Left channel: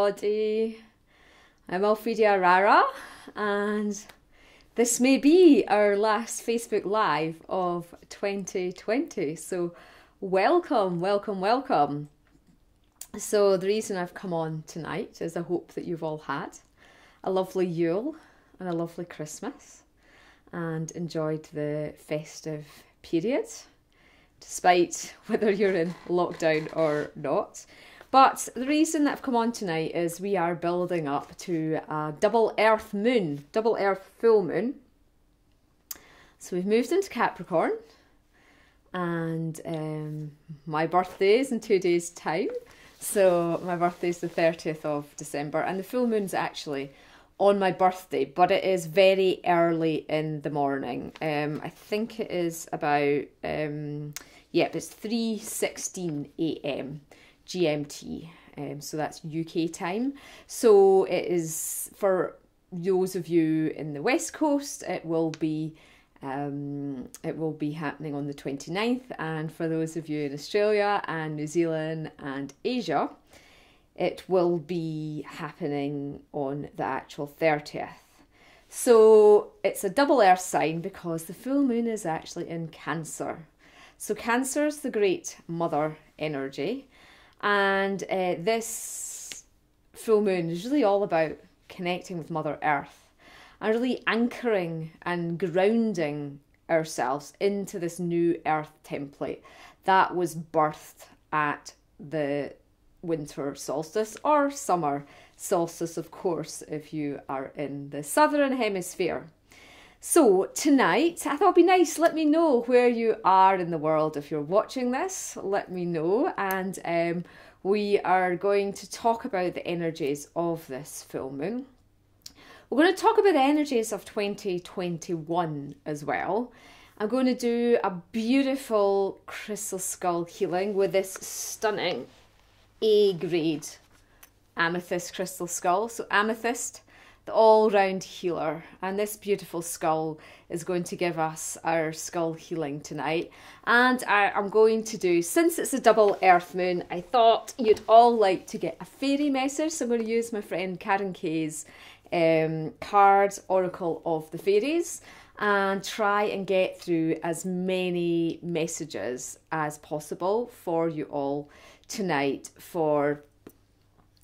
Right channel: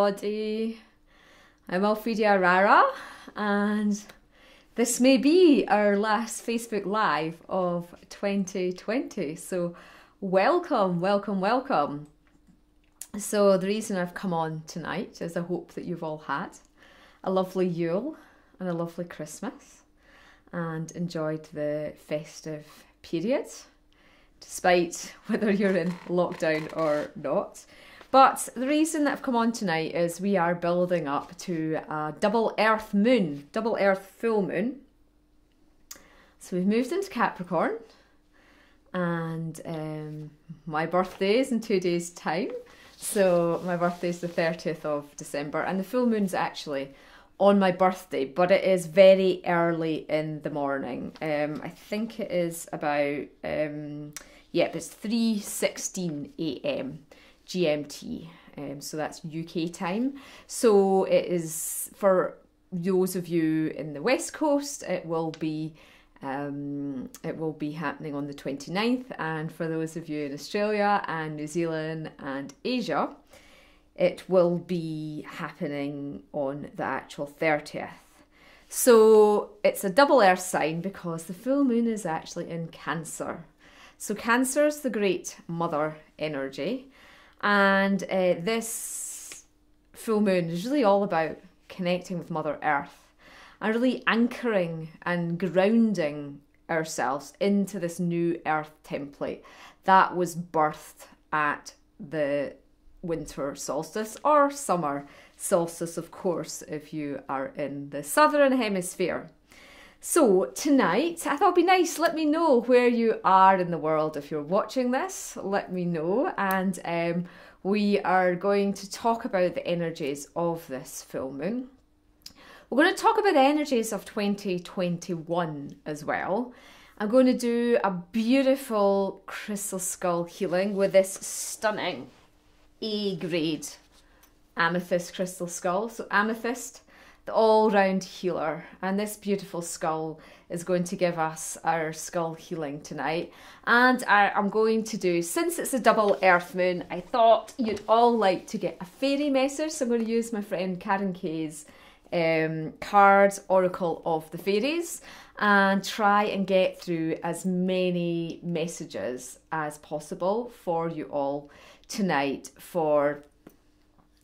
Everybody, I'm Alphedia Arara, and this may be our last Facebook Live of 2020. So welcome, welcome, welcome. So the reason I've come on tonight is I hope that you've all had a lovely Yule and a lovely Christmas and enjoyed the festive period, despite whether you're in lockdown or not. But the reason that I've come on tonight is we are building up to a double earth moon, double earth full moon. So we've moved into Capricorn, and my birthday is in 2 days' time. So my birthday is the 30th of December, and the full moon's actually on my birthday, but it is very early in the morning. I think it is about, it's 3:16 a.m. GMT, so that's UK time. So it is, for those of you in the West Coast, it will be happening on the 29th, and for those of you in Australia and New Zealand and Asia, it will be happening on the actual 30th. So it's a double earth sign because the full moon is actually in Cancer. So Cancer is the great mother energy. And this full moon is really all about connecting with Mother Earth and really anchoring and grounding ourselves into this new Earth template that was birthed at the winter solstice or summer solstice, of course, if you are in the southern hemisphere. So tonight, I thought it'd be nice, let me know where you are in the world. If you're watching this, let me know. And we are going to talk about the energies of this full moon. We're going to talk about the energies of 2021 as well. I'm going to do a beautiful crystal skull healing with this stunning A-grade Amethyst crystal skull. So Amethyst, the all-round healer, and this beautiful skull is going to give us our skull healing tonight. And I'm going to do, since it's a double earth moon, I thought you'd all like to get a fairy message, so I'm going to use my friend Karen Kay's cards, Oracle of the Fairies, and try and get through as many messages as possible for you all tonight for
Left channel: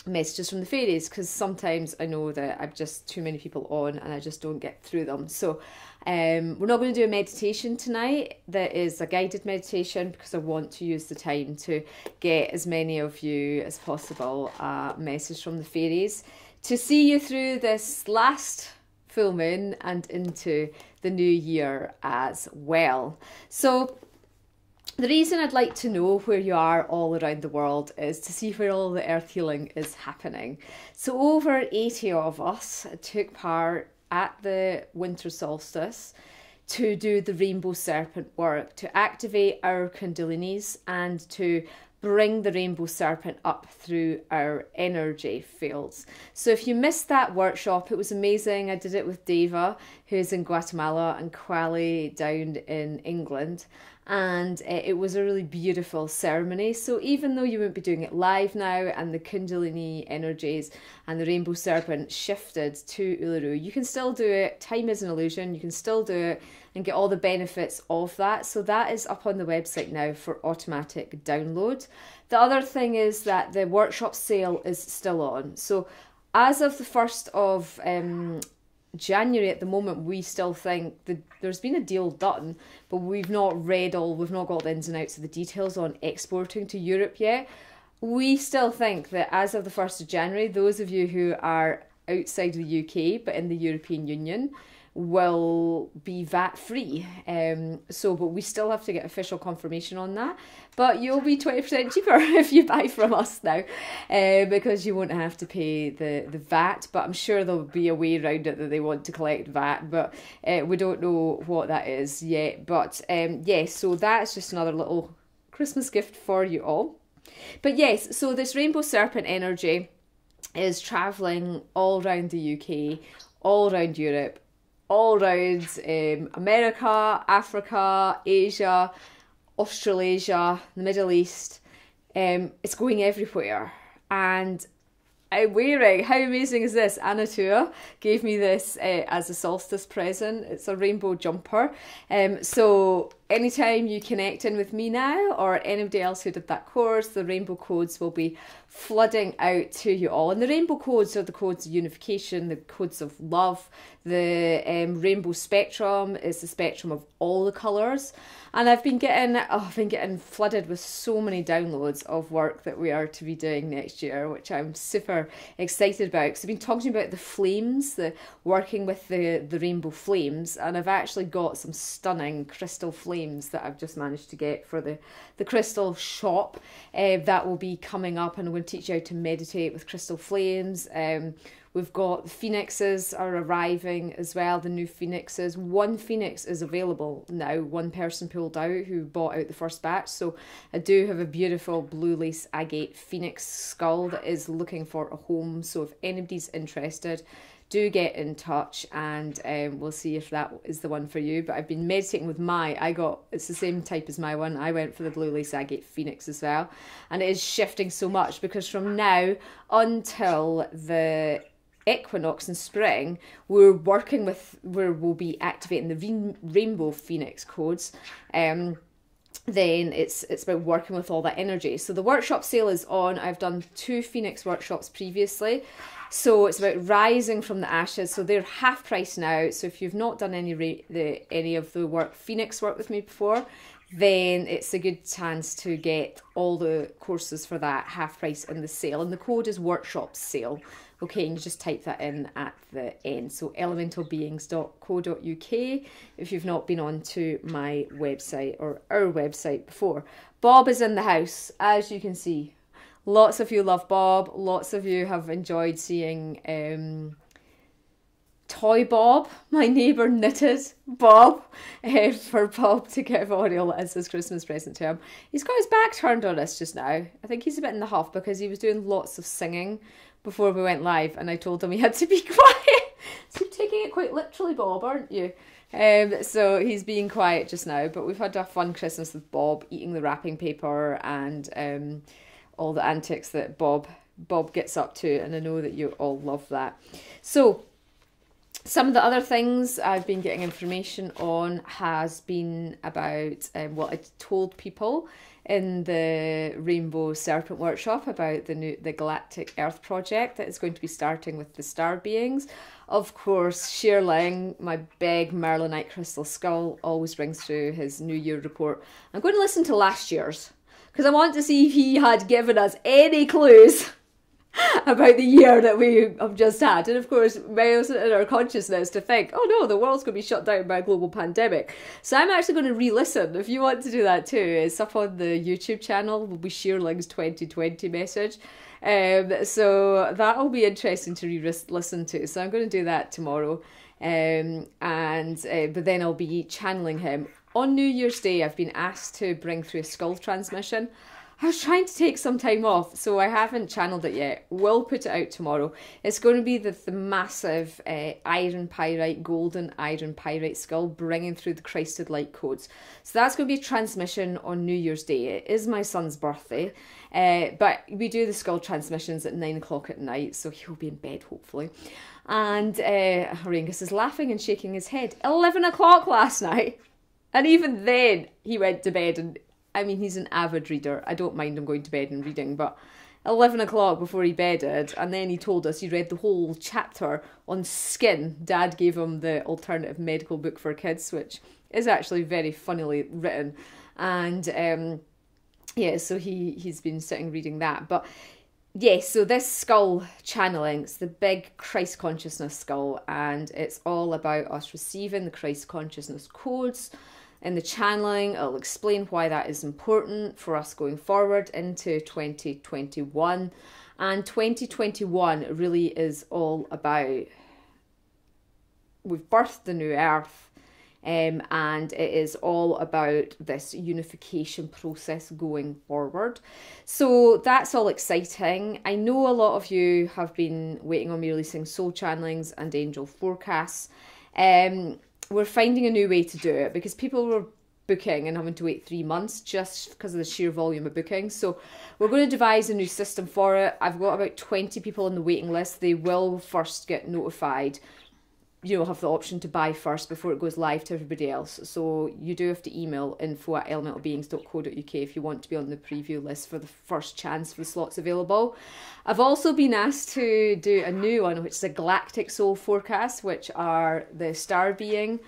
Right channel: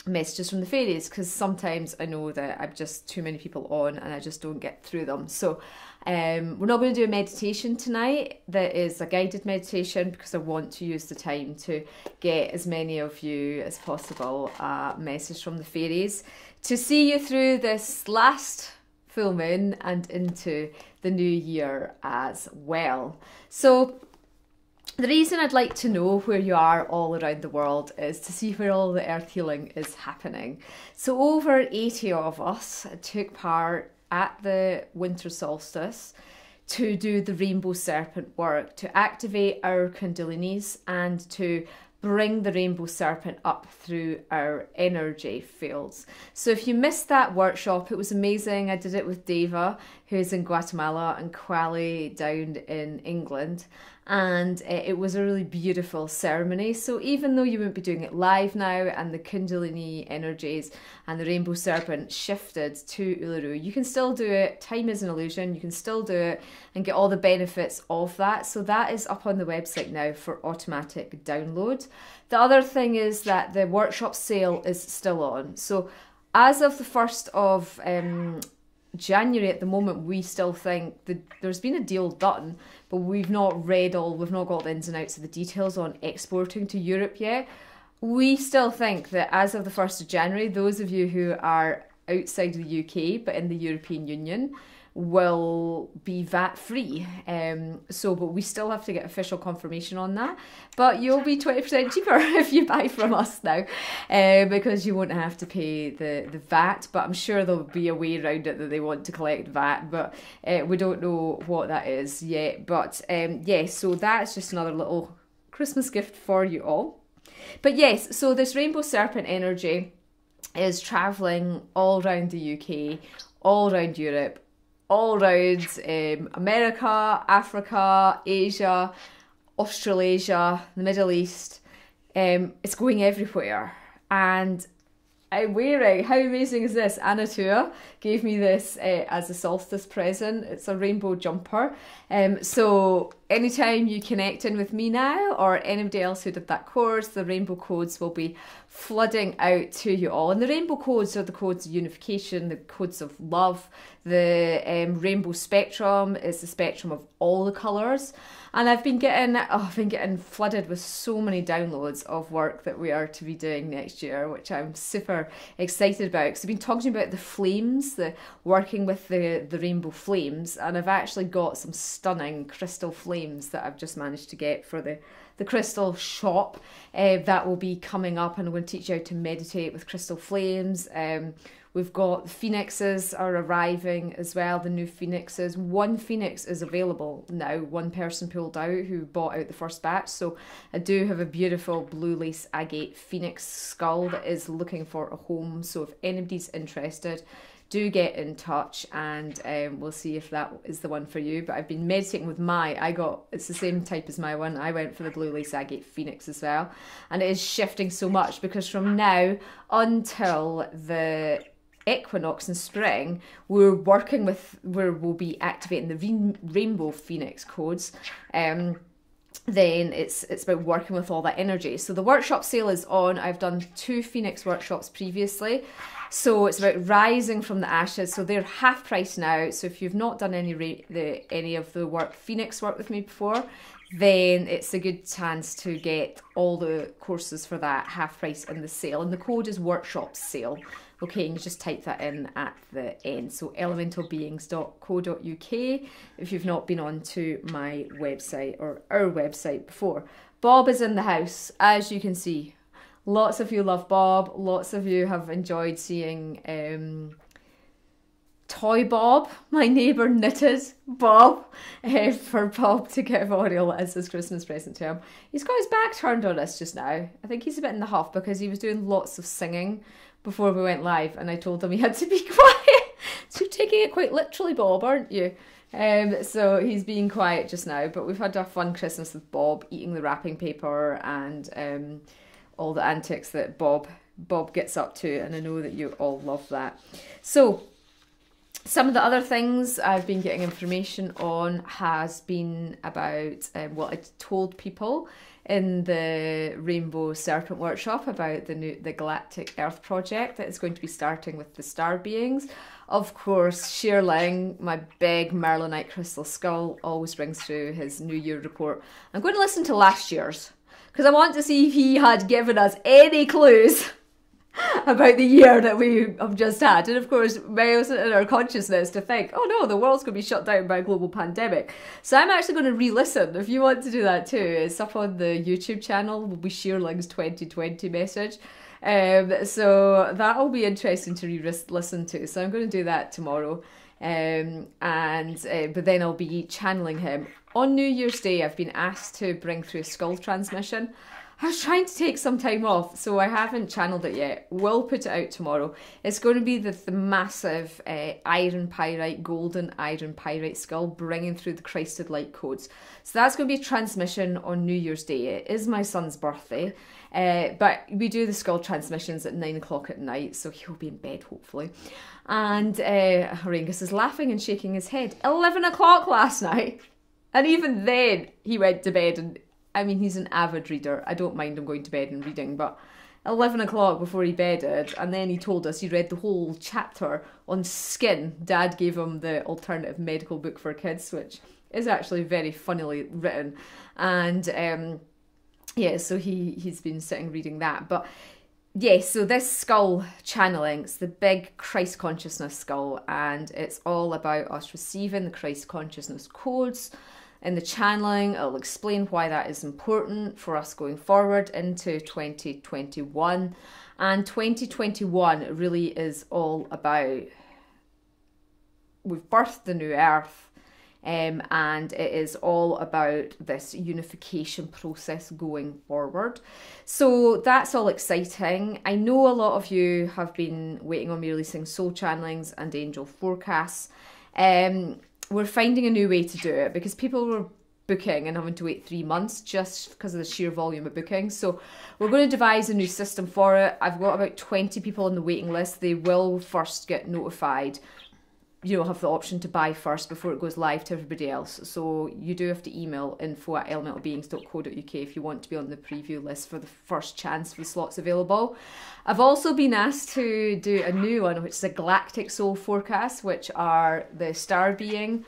messages from the fairies, because sometimes I know that I've just too many people on and I just don't get through them. So we're not going to do a meditation tonight that is a guided meditation, because I want to use the time to get as many of you as possible a message from the fairies to see you through this last full moon and into the new year as well. So the reason I'd like to know where you are all around the world is to see where all the earth healing is happening. So over 80 of us took part at the winter solstice to do the rainbow serpent work, to activate our kundalinis and to bring the rainbow serpent up through our energy fields. So if you missed that workshop, it was amazing. I did it with Deva, who's in Guatemala, and Quali down in England. And it was a really beautiful ceremony. So even though you won't be doing it live now, and the Kundalini energies and the rainbow serpent shifted to Uluru, you can still do it. Time is an illusion. You can still do it and get all the benefits of that. So that is up on the website now for automatic download. The other thing is that the workshop sale is still on. So as of the 1st of January at the moment, we still think that there's been a deal done, but we've not got the ins and outs of the details on exporting to Europe yet. We still think that as of the 1st of January, those of you who are outside of the UK but in the European Union will be VAT free. But we still have to get official confirmation on that. But you'll be 20% cheaper if you buy from us now, because you won't have to pay the VAT. But I'm sure there'll be a way around it that they want to collect VAT, but we don't know what that is yet. But yes, so that's just another little Christmas gift for you all. But yes, so this rainbow serpent energy is travelling all around the UK, all around Europe, all around America, Africa, Asia, Australasia, the Middle East. It's going everywhere. And I'm wearing. How amazing is this? Anatua gave me this as a solstice present. It's a rainbow jumper. So anytime you connect in with me now or anybody else who did that course, the rainbow codes will be flooding out to you all. And the rainbow codes are the codes of unification, the codes of love. The rainbow spectrum is the spectrum of all the colours. And I've been getting flooded with so many downloads of work that we are to be doing next year, which I'm super excited about. Because I've been talking about the flames, working with the rainbow flames, and I've actually got some stunning crystal flames that I've just managed to get for the crystal shop. That will be coming up, and I'm going to teach you how to meditate with crystal flames. We've got the phoenixes are arriving as well, the new phoenixes. One phoenix is available now. One person pulled out who bought out the first batch. So I do have a beautiful blue lace agate phoenix skull that is looking for a home. So if anybody's interested, do get in touch and we'll see if that is the one for you. But I've been meditating with it's the same type as my one. I went for the blue lace agate phoenix as well. And it is shifting so much because from now until the equinox in spring, we'll be activating the rainbow phoenix codes. Then it's about working with all that energy. So the workshop sale is on. I've done 2 phoenix workshops previously, so it's about rising from the ashes. So they're half price now. So if you've not done any of the phoenix work with me before, then it's a good chance to get all the courses for that half price in the sale. And the code is workshop sale. Okay, and you just type that in at the end. So elementalbeings.co.uk if you've not been on to my website or our website before. Bob is in the house, as you can see. Lots of you love Bob. Lots of you have enjoyed seeing Toy Bob. My neighbour knitted Bob for Bob to give Auriel as his Christmas present to him. He's got his back turned on us just now. I think he's a bit in the huff because he was doing lots of singing before we went live, and I told him he had to be quiet. So you're taking it quite literally, Bob, aren't you? So he's being quiet just now, but we've had a fun Christmas with Bob, eating the wrapping paper and all the antics that Bob gets up to, and I know that you all love that. So some of the other things I've been getting information on has been about what I told people in the Rainbow Serpent Workshop about the Galactic Earth Project that is going to be starting with the star beings. Of course, Sheerling, my big Merlinite crystal skull, always brings through his New Year report. I'm going to listen to last year's because I want to see if he had given us any clues about the year that we have just had. And of course, males in our consciousness to think, oh no, the world's going to be shut down by a global pandemic. So I'm actually going to re-listen. If you want to do that too, it's up on the YouTube channel. Will be Sheerling's 2020 message. So that'll be interesting to re-listen to. So I'm going to do that tomorrow. But then I'll be channeling him. On New Year's Day, I've been asked to bring through a skull transmission. I was trying to take some time off, so I haven't channeled it yet. We'll put it out tomorrow. It's going to be the massive iron pyrite, golden iron pyrite skull bringing through the Christed Light codes. So that's going to be a transmission on New Year's Day. It is my son's birthday, but we do the skull transmissions at 9 o'clock at night, so he'll be in bed hopefully. And Auraengus is laughing and shaking his head. 11 o'clock last night, and even then he went to bed. And I mean, he's an avid reader. I don't mind him going to bed and reading, but 11 o'clock before he bedded, and then he told us he read the whole chapter on skin. Dad gave him the alternative medical book for kids, which is actually very funnily written. And yeah, so he's been sitting reading that. But yeah, so this skull channeling, it's the big Christ consciousness skull, and it's all about us receiving the Christ consciousness codes. In the channeling, I'll explain why that is important for us going forward into 2021. And 2021 really is all about, we've birthed the new earth, and it is all about this unification process going forward. So that's all exciting. I know a lot of you have been waiting on me releasing soul channelings and angel forecasts. We're finding a new way to do it because people were booking and having to wait 3 months just because of the sheer volume of bookings. So we're going to devise a new system for it. I've got about 20 people on the waiting list. They will first get notified. You'll have the option to buy first before it goes live to everybody else. So you do have to email info@elementalbeings.co.uk if you want to be on the preview list for the first chance for the slots available. I've also been asked to do a new one, which is a galactic soul forecast, which are the star being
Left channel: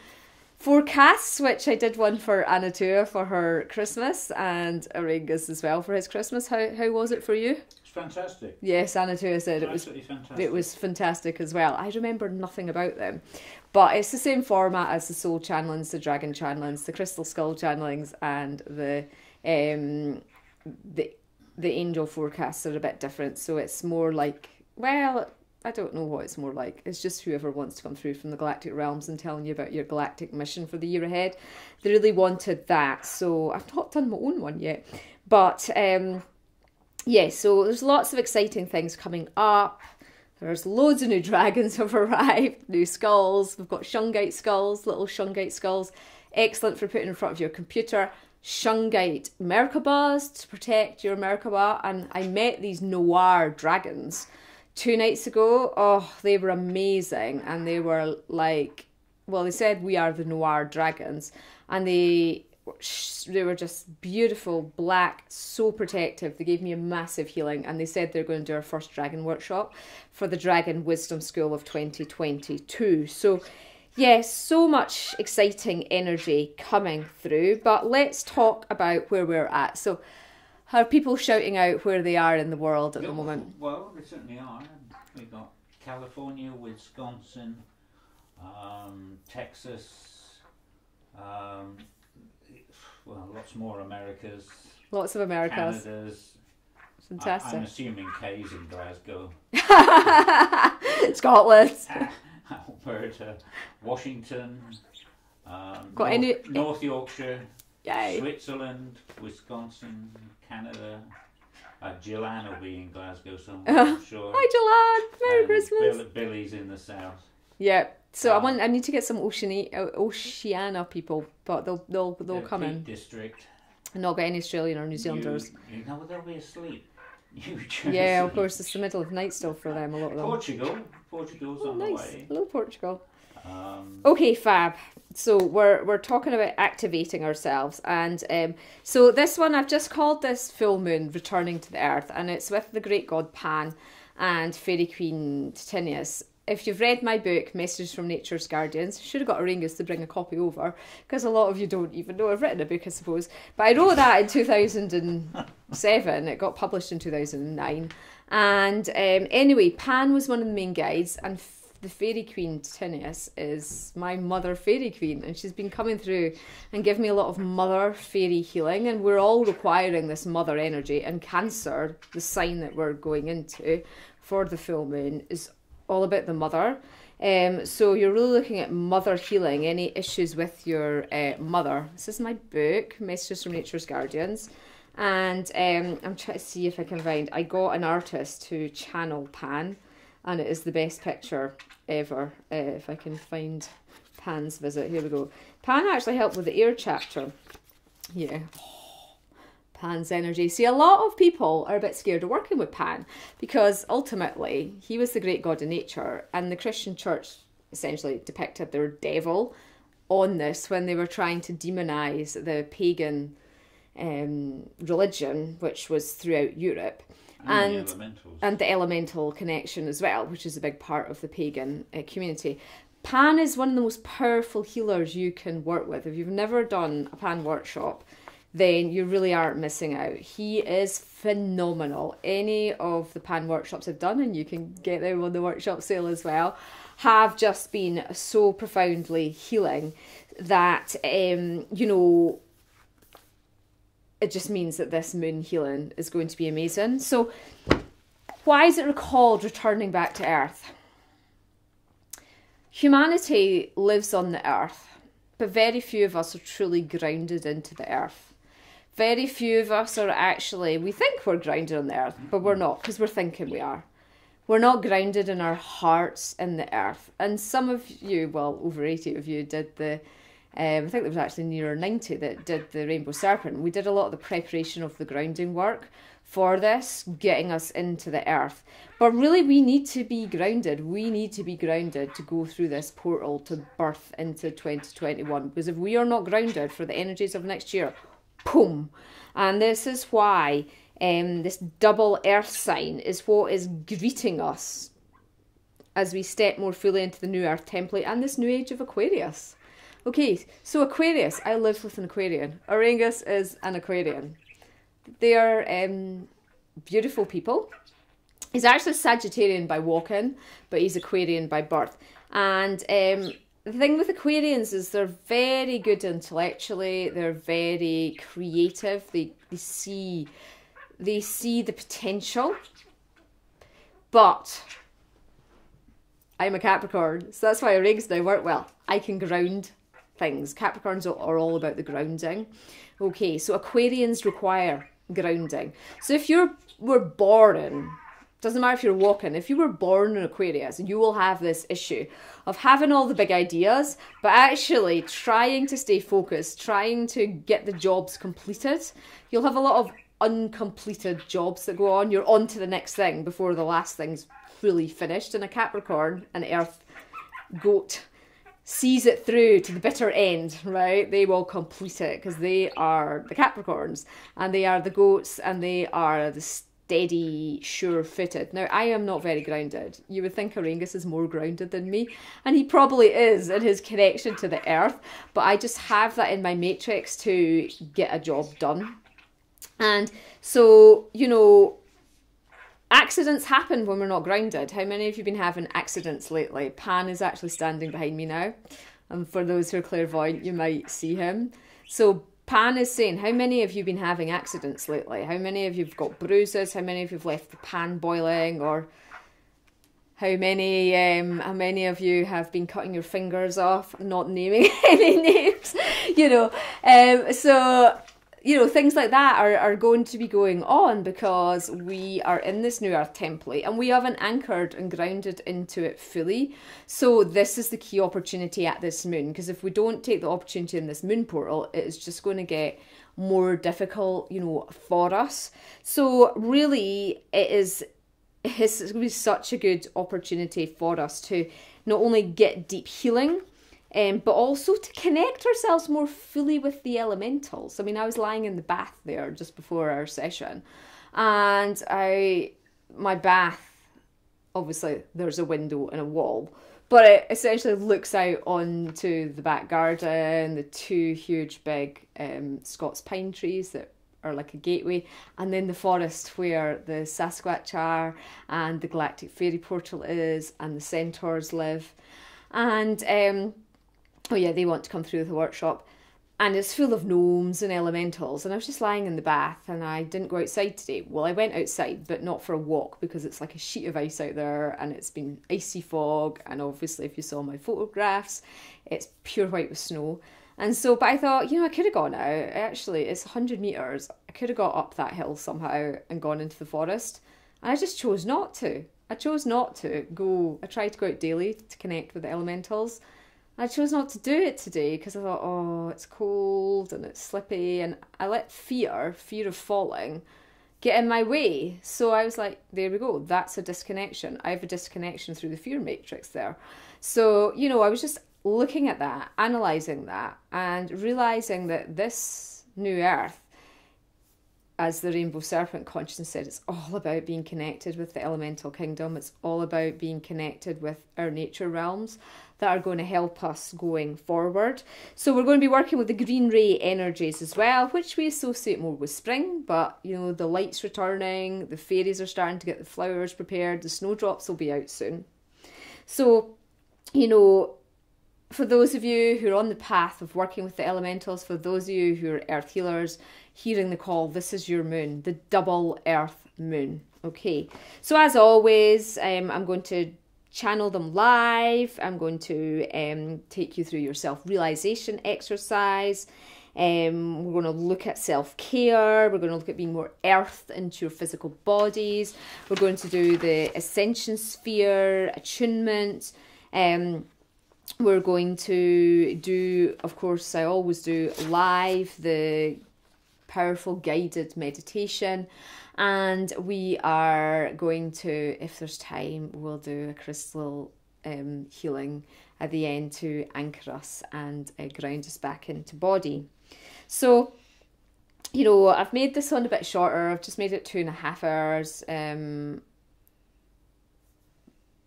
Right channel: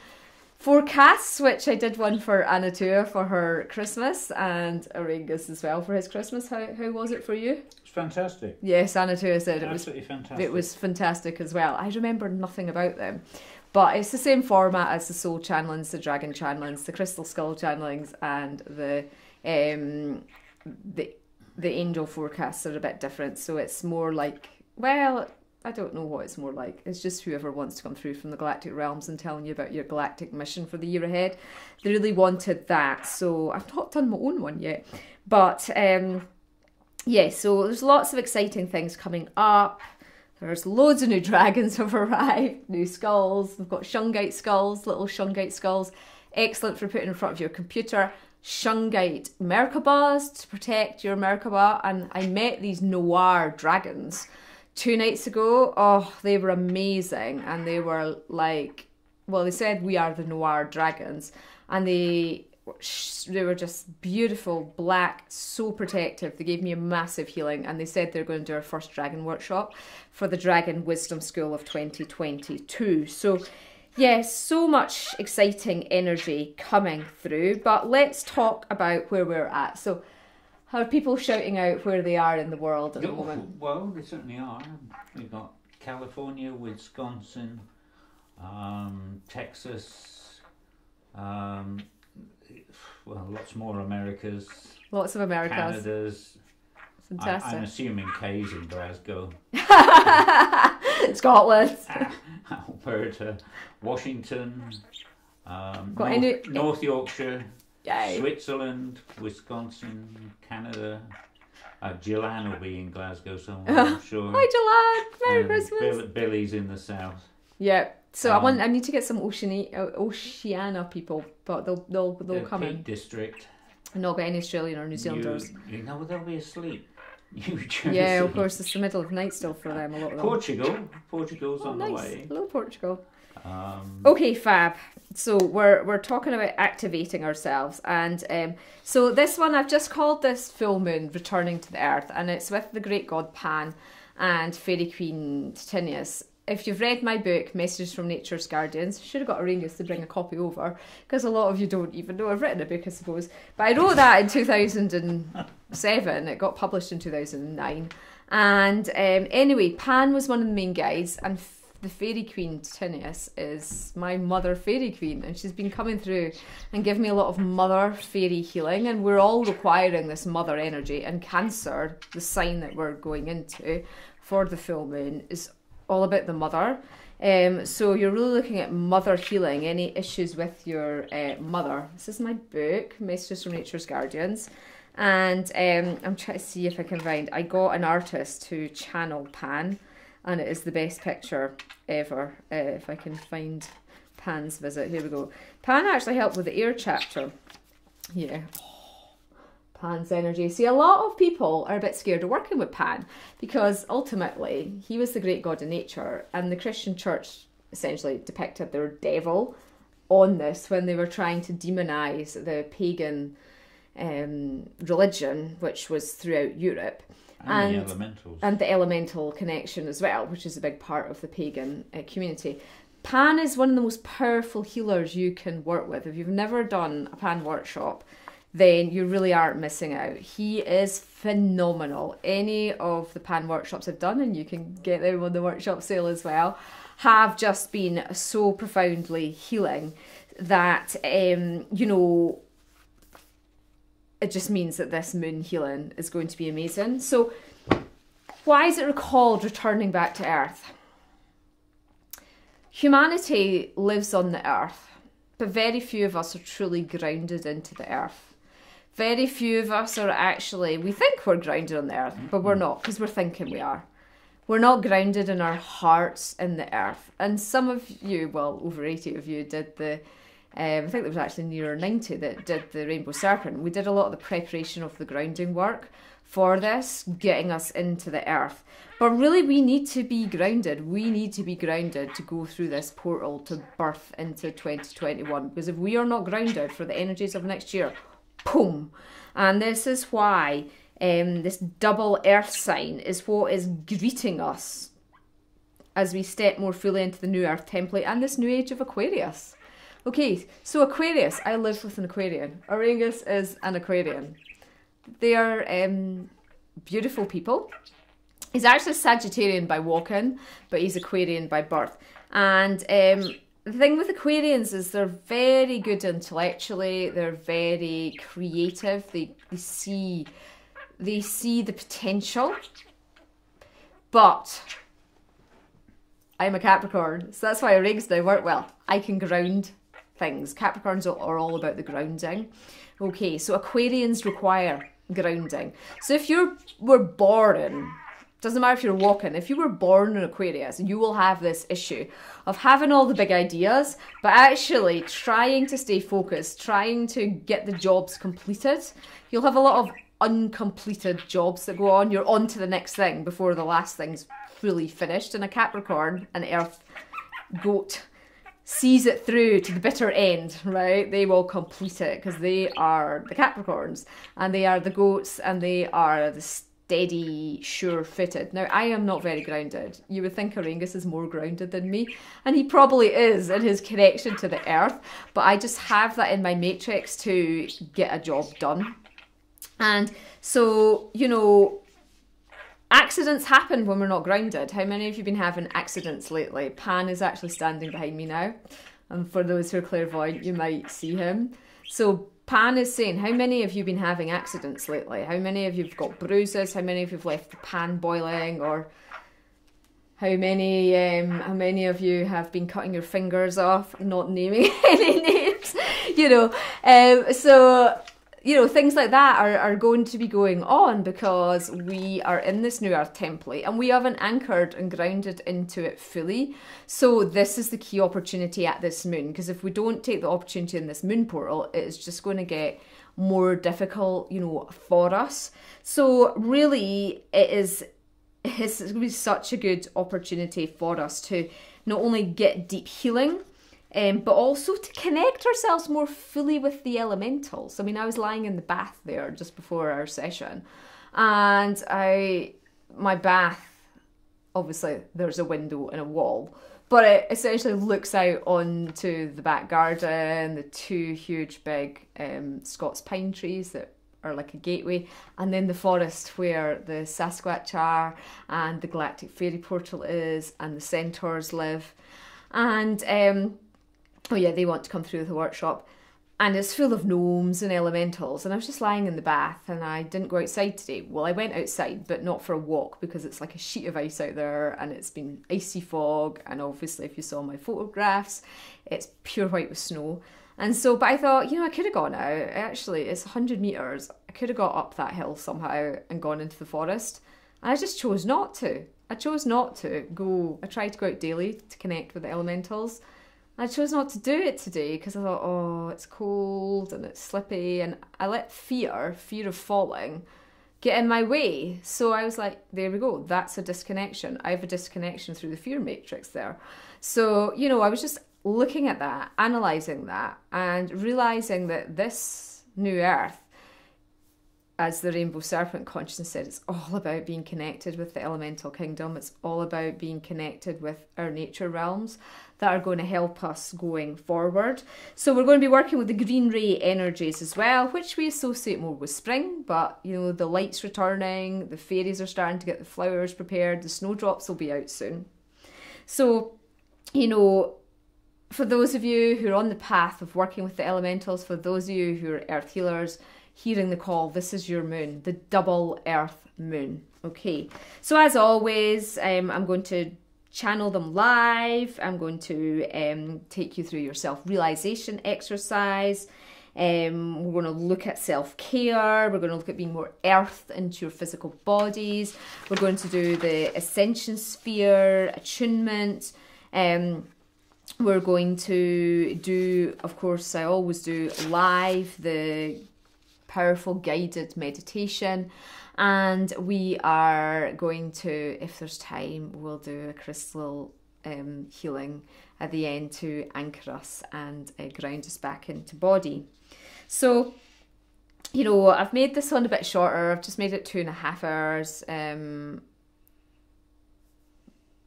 forecasts, which I did one for Anatua for her Christmas and Auraengus as well for his Christmas. How was it for you? It's fantastic. Yes, Anatua said it was fantastic. It was fantastic as well. I remember nothing about them, but it's the same format as the soul channelings, the dragon channelings, the crystal skull channelings, and the angel forecasts are a bit different. So it's more like, well, I don't know what it's more like. It's just whoever wants to come through from the galactic realms and telling you about your galactic mission for the year ahead. They really wanted that, so I've not done my own one yet. But yeah, so there's lots of exciting things coming up. There's loads of new dragons have arrived, new skulls. We've got Shungite skulls, little Shungite skulls. Excellent for putting in front of your computer. Shungite Merkabahs to protect your Merkabah. And I met these noir dragons 2 nights ago. Oh, they were amazing. And they were like, well, they said we are the noir dragons. And they were just beautiful, black, so protective. They gave me a massive healing. And they said they're going to do our first dragon workshop for the Dragon Wisdom School of 2022. So yes, so much exciting energy coming through. But let's talk about where we're at. So are people shouting out where they are in the world at the moment? Well, they certainly are. We've got California, Wisconsin, Texas, well, lots more Americas. Lots of Americas. Canada's. Fantastic. I'm assuming K's in Glasgow. Scotland. Alberta, Washington, North Yorkshire. Yay. Switzerland, Wisconsin, Canada. Gillan will be in Glasgow somewhere, I'm sure. Hi Gillan, Merry Christmas. Billy's in the south. Yeah. So I need to get some Oceania people, but they'll come in. District. Not get any Australian or New Zealanders. You know, they'll be asleep. Yeah, of course, it's the middle of night still for them. A lot of them. Portugal's on nice. the way. Hello, Portugal. Okay, fab. So we're talking about activating ourselves, and so this one I've just called this full moon returning to the earth, and it's with the great god Pan and fairy queen Titinius. If you've read my book, Messages from Nature's Guardians, you should have got Auraengus to bring a copy over, because a lot of you don't even know I've written a book, I suppose. But I wrote that in 2007. It got published in 2009. And anyway, Pan was one of the main guides, and the fairy queen Titinius is my mother fairy queen, and she's been coming through and giving me a lot of mother fairy healing, and we're all requiring this mother energy. And Cancer, the sign that we're going into for the full moon, is all about the mother. So you're really looking at mother healing, any issues with your mother. This is my book, Messages from Nature's Guardians, and I'm trying to see if I can find, I got an artist to channel Pan, and it is the best picture ever. If I can find Pan's visit, here we go. Pan actually helped with the air chapter. Yeah. Pan's energy. See, a lot of people are a bit scared of working with Pan, because ultimately he was the great god of nature, and the Christian church essentially depicted their devil on this when they were trying to demonize the pagan religion, which was throughout Europe, and the elemental connection as well, which is a big part of the pagan community. Pan is one of the most powerful healers you can work with. If you've never done a Pan workshop, then you really aren't missing out. He is phenomenal. Any of the Pan workshops I've done, and you can get them on the workshop sale as well, have just been so profoundly healing that, you know, it just means that this moon healing is going to be amazing. So why is it called returning back to Earth? Humanity lives on the Earth, but very few of us are truly grounded into the Earth. Very few of us are actually, we think we're grounded on the earth, but we're not, because we're thinking we are. We're not grounded in our hearts in the earth. And some of you, well, over 80 of you, did the I think there was actually near 90 that did the Rainbow Serpent. We did a lot of the preparation of the grounding work for this, getting us into the earth. But really, we need to be grounded. We need to be grounded to go through this portal to birth into 2021. Because if we are not grounded for the energies of next year, boom. And this is why this double earth sign is what is greeting us as we step more fully into the new earth template and this new age of Aquarius. Okay, so Aquarius, I live with an Aquarian. Auraengus is an Aquarian. They are beautiful people. He's actually Sagittarian by walk-in, but he's Aquarian by birth. And the thing with Aquarians is they're very good intellectually. They're very creative. They see the potential. But I'm a Capricorn, so that's why Auraengus now work well. I can ground things. Capricorns are all about the grounding. Okay, so Aquarians require grounding. So if you were born, doesn't matter if you're walking, if you were born in Aquarius, you will have this issue of having all the big ideas, but actually trying to stay focused, trying to get the jobs completed. You'll have a lot of uncompleted jobs that go on. You're on to the next thing before the last thing's fully finished. And a Capricorn, an earth goat, sees it through to the bitter end, right? They will complete it because they are the Capricorns and they are the goats and they are the steady, sure-footed. Now, I am not very grounded. You would think Auraengus is more grounded than me, and he probably is in his connection to the earth, but I just have that in my matrix to get a job done. And so, you know, accidents happen when we're not grounded. How many of you have been having accidents lately? Pan is actually standing behind me now. And for those who are clairvoyant, you might see him. So Pan is saying, how many of you have been having accidents lately? How many of you have got bruises? How many of you have left the pan boiling? Or how many of you have been cutting your fingers off? Not naming any names, you know. So, you know, things like that are going to be going on because we are in this new earth template and we haven't anchored and grounded into it fully. So this is the key opportunity at this moon, because if we don't take the opportunity in this moon portal, it's just going to get more difficult, you know, for us. So really it's going to be such a good opportunity for us to not only get deep healing, but also to connect ourselves more fully with the elementals. I mean, I was lying in the bath there just before our session, and my bath, obviously there's a window and a wall, but it essentially looks out onto the back garden, the two huge big Scots pine trees that are like a gateway, and then the forest where the Sasquatch are, and the galactic fairy portal is, and the centaurs live. And oh yeah, they want to come through the workshop. And it's full of gnomes and elementals. And I was just lying in the bath and I didn't go outside today. Well, I went outside, but not for a walk because it's like a sheet of ice out there and it's been icy fog. And obviously, if you saw my photographs, it's pure white with snow. And so, but I thought, you know, I could have gone out. Actually, it's 100 metres. I could have got up that hill somehow and gone into the forest. And I just chose not to. I chose not to go. I tried to go out daily to connect with the elementals. I chose not to do it today because I thought, oh, it's cold and it's slippy, and I let fear of falling, get in my way. So I was like, there we go, that's a disconnection. I have a disconnection through the fear matrix there. So, you know, I was just looking at that, analysing that, and realising that this new earth, as the Rainbow Serpent consciousness said, it's all about being connected with the elemental kingdom. It's all about being connected with our nature realms that are going to help us going forward. So we're going to be working with the green ray energies as well, which we associate more with spring, but you know, the light's returning, the fairies are starting to get the flowers prepared, the snowdrops will be out soon. So, you know, for those of you who are on the path of working with the elementals, for those of you who are earth healers, hearing the call, this is your moon, the double earth moon. Okay, so as always, I'm going to channel them live. I'm going to take you through your self-realization exercise. We're going to look at self-care. We're going to look at being more earthed into your physical bodies. We're going to do the ascension sphere, attunement. we're going to do, of course, I always do live the powerful guided meditation, and we are going to, if there's time, we'll do a crystal healing at the end to anchor us and ground us back into body. So, you know, I've made this one a bit shorter. I've just made it 2.5 hours,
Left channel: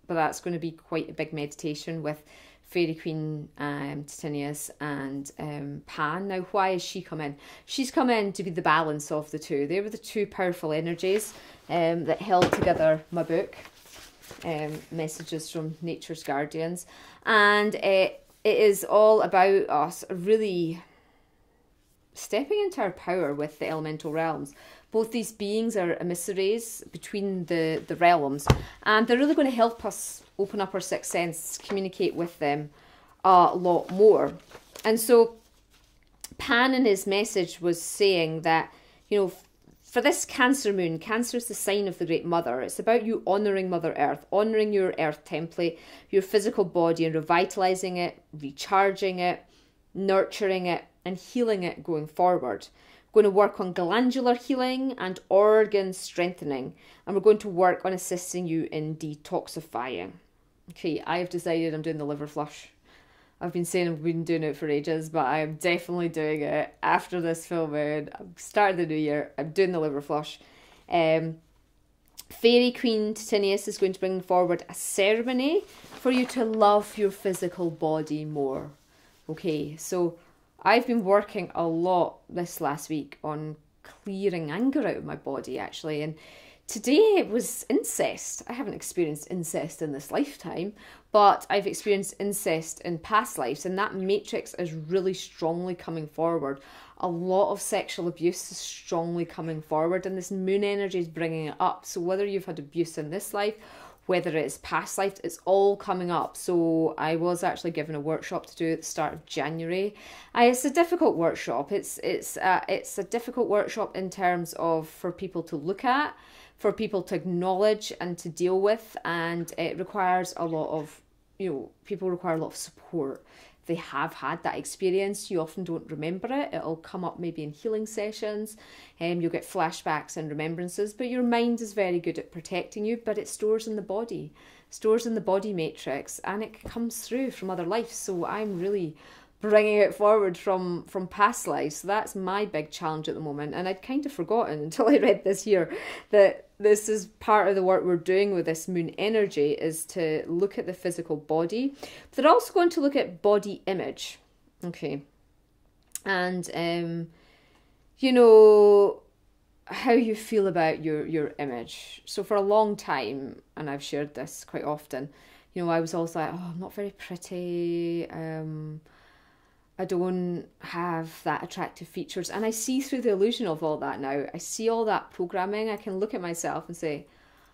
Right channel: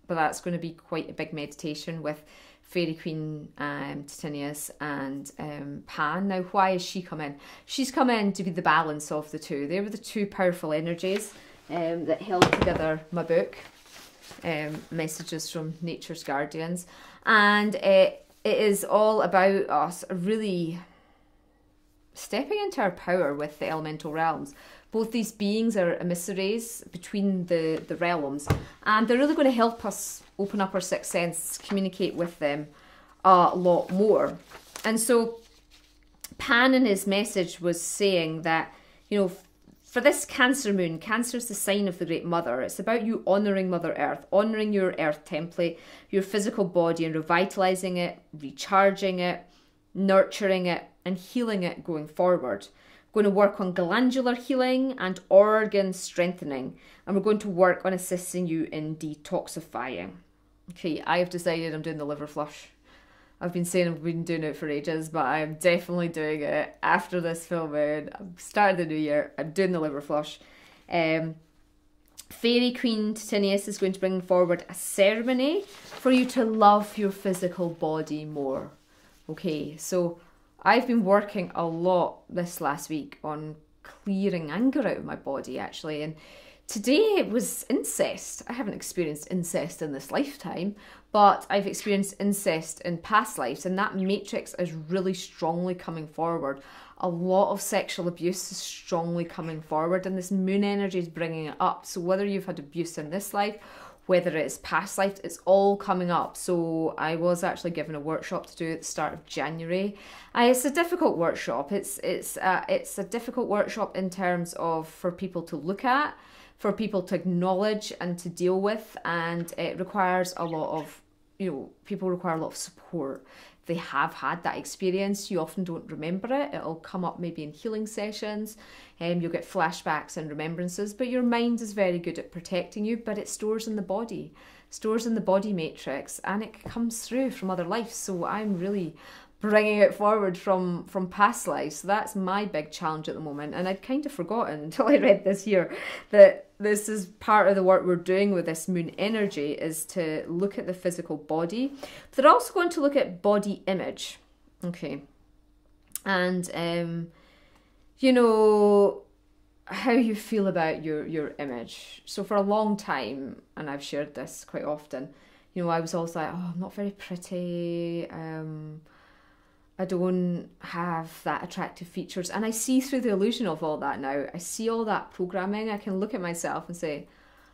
but that's going to be quite a big meditation with Fairy Queen Titinius and Pan. Now, why has she come in? She's come in to be the balance of the two. They were the two powerful energies that held together my book, Messages from Nature's Guardians. And it is all about us really stepping into our power with the elemental realms. Both these beings are emissaries between the realms, and they're really going to help us open up our sixth sense, communicate with them a lot more. And so Pan in his message was saying that, you know, for this Cancer moon, Cancer is the sign of the Great Mother. It's about you honouring Mother Earth, honouring your earth template, your physical body, and revitalising it, recharging it, nurturing it, and healing it going forward. We're going to work on glandular healing and organ strengthening, and we're going to work on assisting you in detoxifying. Okay, I have decided I'm doing the liver flush. I've been saying I've been doing it for ages, but I'm definitely doing it after this filming. I've started the new year. I'm doing the liver flush. Fairy Queen Titinius is going to bring forward a ceremony for you to love your physical body more. Okay, so I've been working a lot this last week on clearing anger out of my body, actually, and today it was incest. I haven't experienced incest in this lifetime, but I've experienced incest in past lives, and that matrix is really strongly coming forward. A lot of sexual abuse is strongly coming forward, and this moon energy is bringing it up. So whether you've had abuse in this life, whether it's past life, it's all coming up. So I was actually given a workshop to do at the start of January. It's a difficult workshop. It's a difficult workshop in terms of for people to look at, for people to acknowledge and to deal with, and it requires a lot of, you know, people require a lot of support. If they have had that experience, you often don't remember it. It'll come up maybe in healing sessions, and you'll get flashbacks and remembrances, but your mind is very good at protecting you, but it stores in the body, matrix, and it comes through from other lives. So I'm really bringing it forward from past lives. So that's my big challenge at the moment, and I'd kind of forgotten until I read this here that this is part of the work we're doing with this moon energy, is to look at the physical body. But they're also going to look at body image, okay, and you know, how you feel about your image. So for a long time, and I've shared this quite often, you know, I was always like, oh, I'm not very pretty, I don't have that attractive features. And I see through the illusion of all that now. I see all that programming. I can look at myself and say,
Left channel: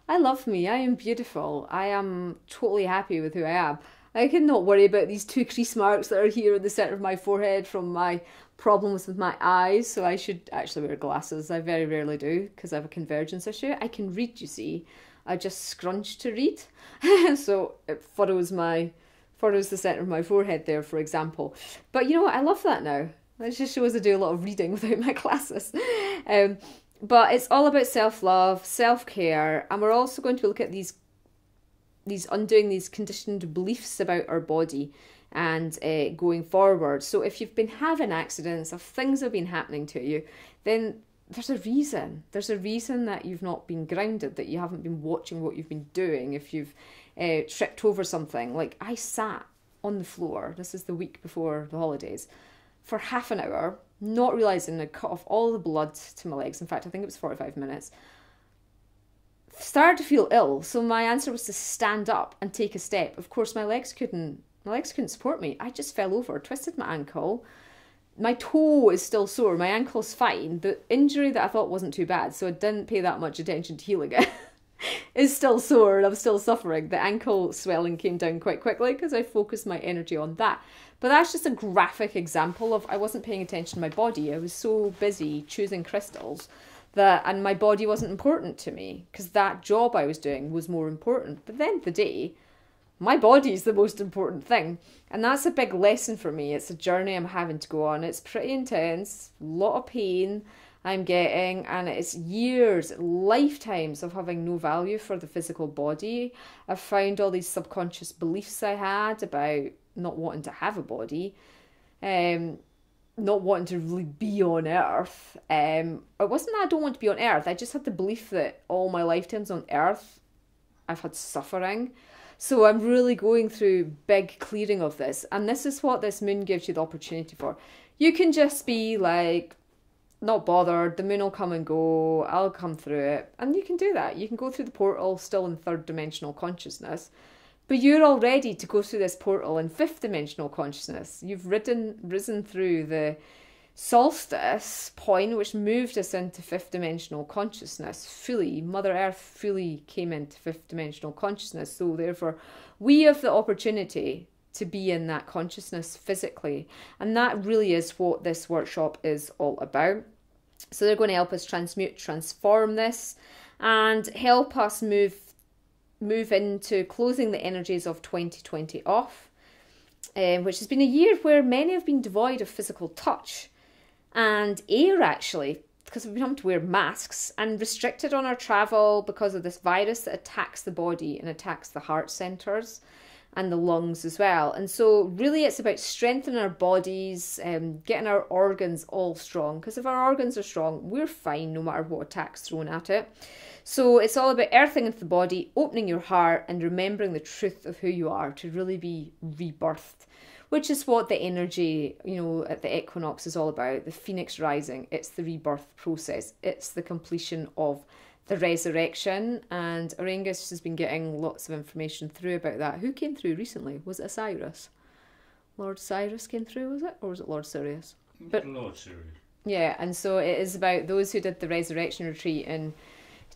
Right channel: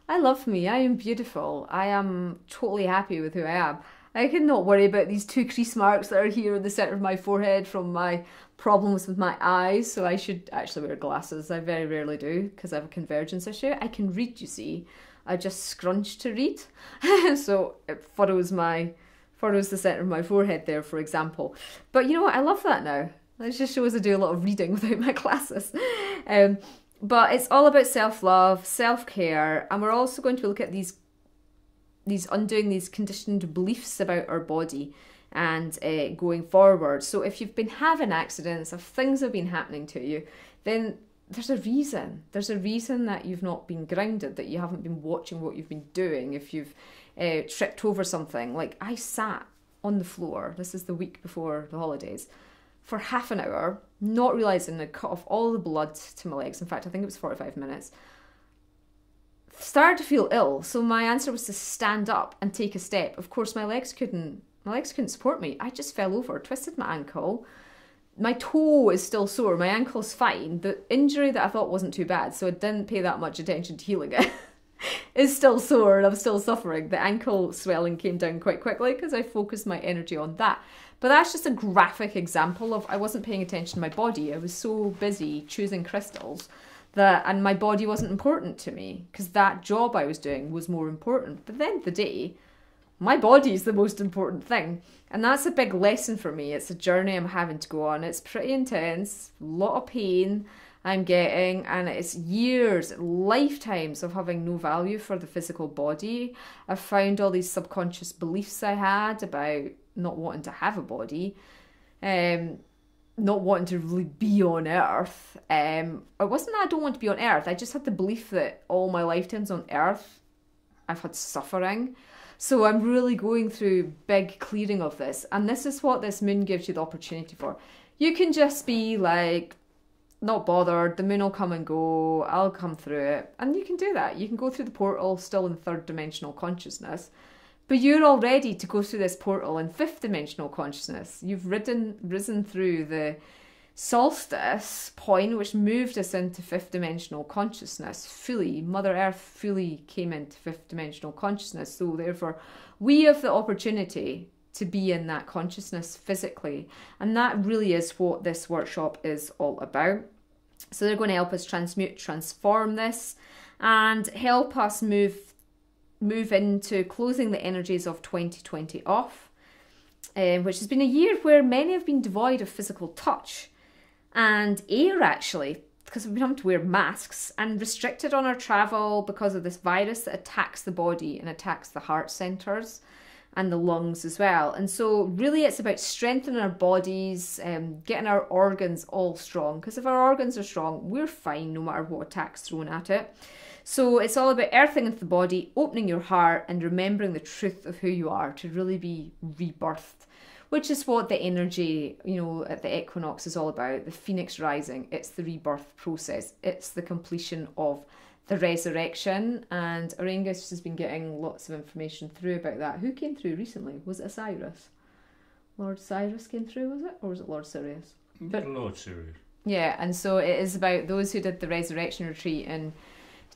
I love me, I am beautiful, I am totally happy with who I am. I can not worry about these 2 crease marks that are here in the centre of my forehead from my problems with my eyes. So I should actually wear glasses. I very rarely do because I have a convergence issue. I can read, you see. I just scrunch to read. So it furrows the centre of my forehead there, for example. But you know what? I love that now. It just shows I do a lot of reading without my glasses. But it's all about self-love, self-care, and we're also going to look at these undoing these conditioned beliefs about our body and going forward. So if you've been having accidents, if things have been happening to you, then there's a reason. There's a reason that you've not been grounded, that you haven't been watching what you've been doing. If you've tripped over something, like I sat on the floor, this is the week before the holidays, for half an hour, not realising I'd cut off all the blood to my legs. In fact, I think it was 45 minutes. Started to feel ill, so my answer was to stand up and take a step. Of course, my legs couldn't support me. I just fell over, twisted my ankle. My toe is still sore. My ankle's fine. The injury that I thought wasn't too bad, so I didn't pay that much attention to healing it, is still sore and I'm still suffering. The ankle swelling came down quite quickly because I focused my energy on that. But that's just a graphic example of I wasn't paying attention to my body. I was so busy choosing crystals and my body wasn't important to me because that job I was doing was more important. But at the end of the day, my body's the most important thing. And that's a big lesson for me. It's a journey I'm having to go on. It's pretty intense, a lot of pain I'm getting, and it's years, lifetimes of having no value for the physical body. I've found all these subconscious beliefs I had about not wanting to have a body, not wanting to really be on Earth. It wasn't that I don't want to be on Earth. I just had the belief that all my lifetimes on Earth, I've had suffering. So I'm really going through big clearing of this. And this is what this moon gives you the opportunity for. You can just be like, not bothered, the moon will come and go, I'll come through it. And you can do that. You can go through the portal still in third dimensional consciousness. But you're all ready to go through this portal in fifth dimensional consciousness. You've risen through the solstice point, which moved us into fifth dimensional consciousness fully. Mother Earth fully came into fifth dimensional consciousness. So therefore, we have the opportunity to be in that consciousness physically. And that really is what this workshop is all about. So they're going to help us transmute, transform this, and help us move into closing the energies of 2020 off, which has been a year where many have been devoid of physical touch and air, actually, because we've been having to wear masks, and restricted on our travel because of this virus that attacks the body and attacks the heart centres and the lungs as well. And so really it's about strengthening our bodies, getting our organs all strong, because if our organs are strong, we're fine no matter what attack's thrown at it. So it's all about earthing into the body, opening your heart, and remembering the truth of who you are to really be rebirthed, which is what the energy, you know, at the equinox is all about. The phoenix rising, it's the rebirth process. It's the completion of the resurrection. And Auraengus has been getting lots of information through about that. Who came through recently? Was it Osiris? Lord Cyrus came through, was it? Or was it Lord Sirius? Lord Sirius. Yeah, and so it is about those who did the resurrection retreat in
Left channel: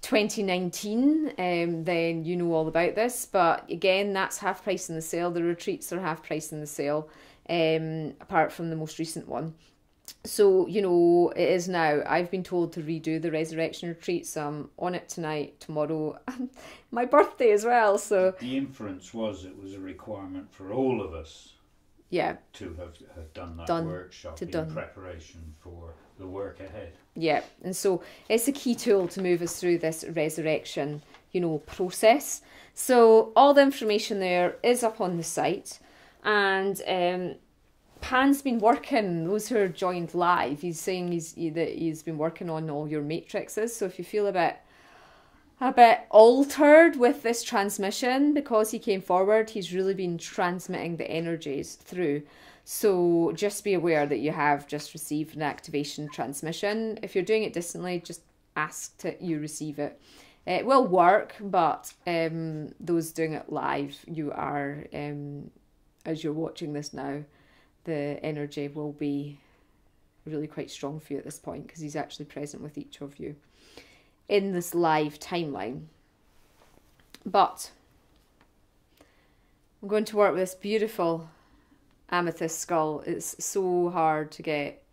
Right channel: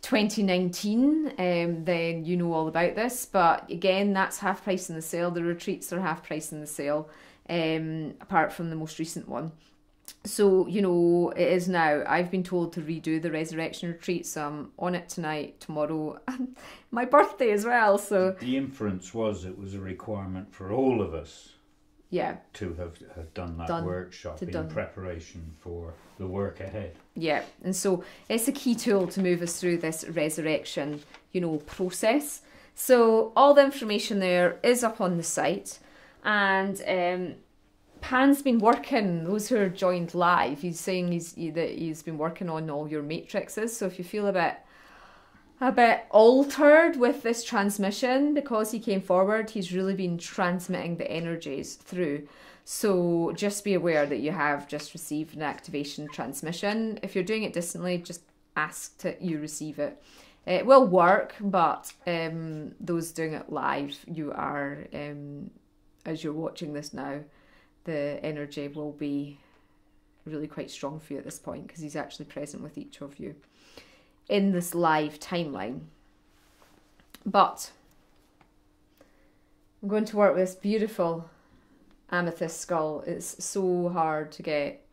2019, then you know all about this. But again, that's half price in the sale. The retreats are half price in the sale, apart from the most recent one. So, you know, it is now. I've been told to redo the resurrection retreat, so I'm on it tonight, tomorrow, and my birthday as well. So the inference was it was a requirement for all of us, yeah, to have done that workshop in preparation for the work ahead. Yeah, and so it's a key tool to move us through this resurrection, you know, process. So all the information there is up on the site, and Pan's been working, those who are joined live, he's saying that he's been working on all your matrices. So if you feel a bit altered with this transmission, because he came forward, he's really been transmitting the energies through. So just be aware that you have just received an activation transmission. If you're doing it distantly, just ask that you receive it. It will work, but those doing it live, you are, as you're watching this now, the energy will be really quite strong for you at this point, because he's actually present with each of you in this live timeline. But I'm going to work with this beautiful amethyst skull. It's so hard to get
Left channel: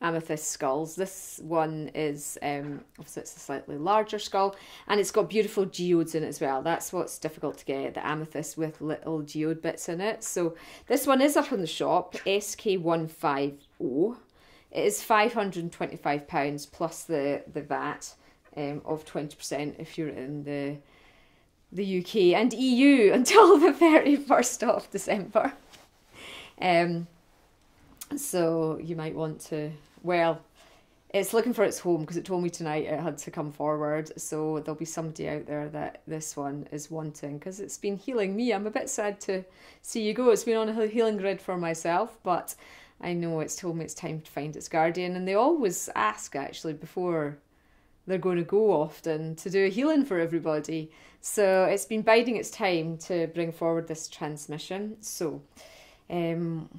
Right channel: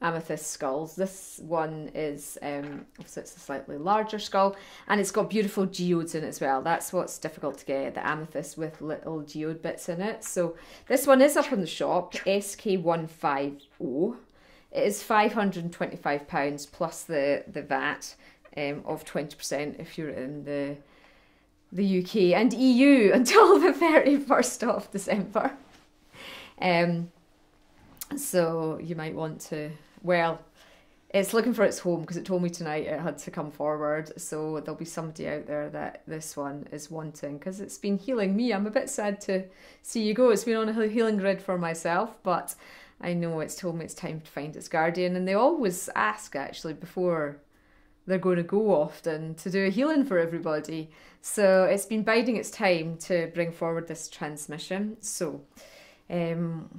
amethyst skulls. This one is obviously it's a slightly larger skull, and it's got beautiful geodes in it as well. That's what's difficult to get, the amethyst with little geode bits in it. So this one is up on the shop, SK150. It is £525 plus the VAT of 20% if you're in the UK and EU until the 31st of December. So you might want to, well, it's looking for its home, because it told me tonight it had to come forward. So there'll be somebody out there that this one is wanting, because it's been healing me. I'm a bit sad to see you go. It's been on a healing grid for myself, but I know it's told me it's time to find its guardian. And they always ask, actually, before they're going to go often, to do a healing for everybody. So it's been biding its time to bring forward this transmission. So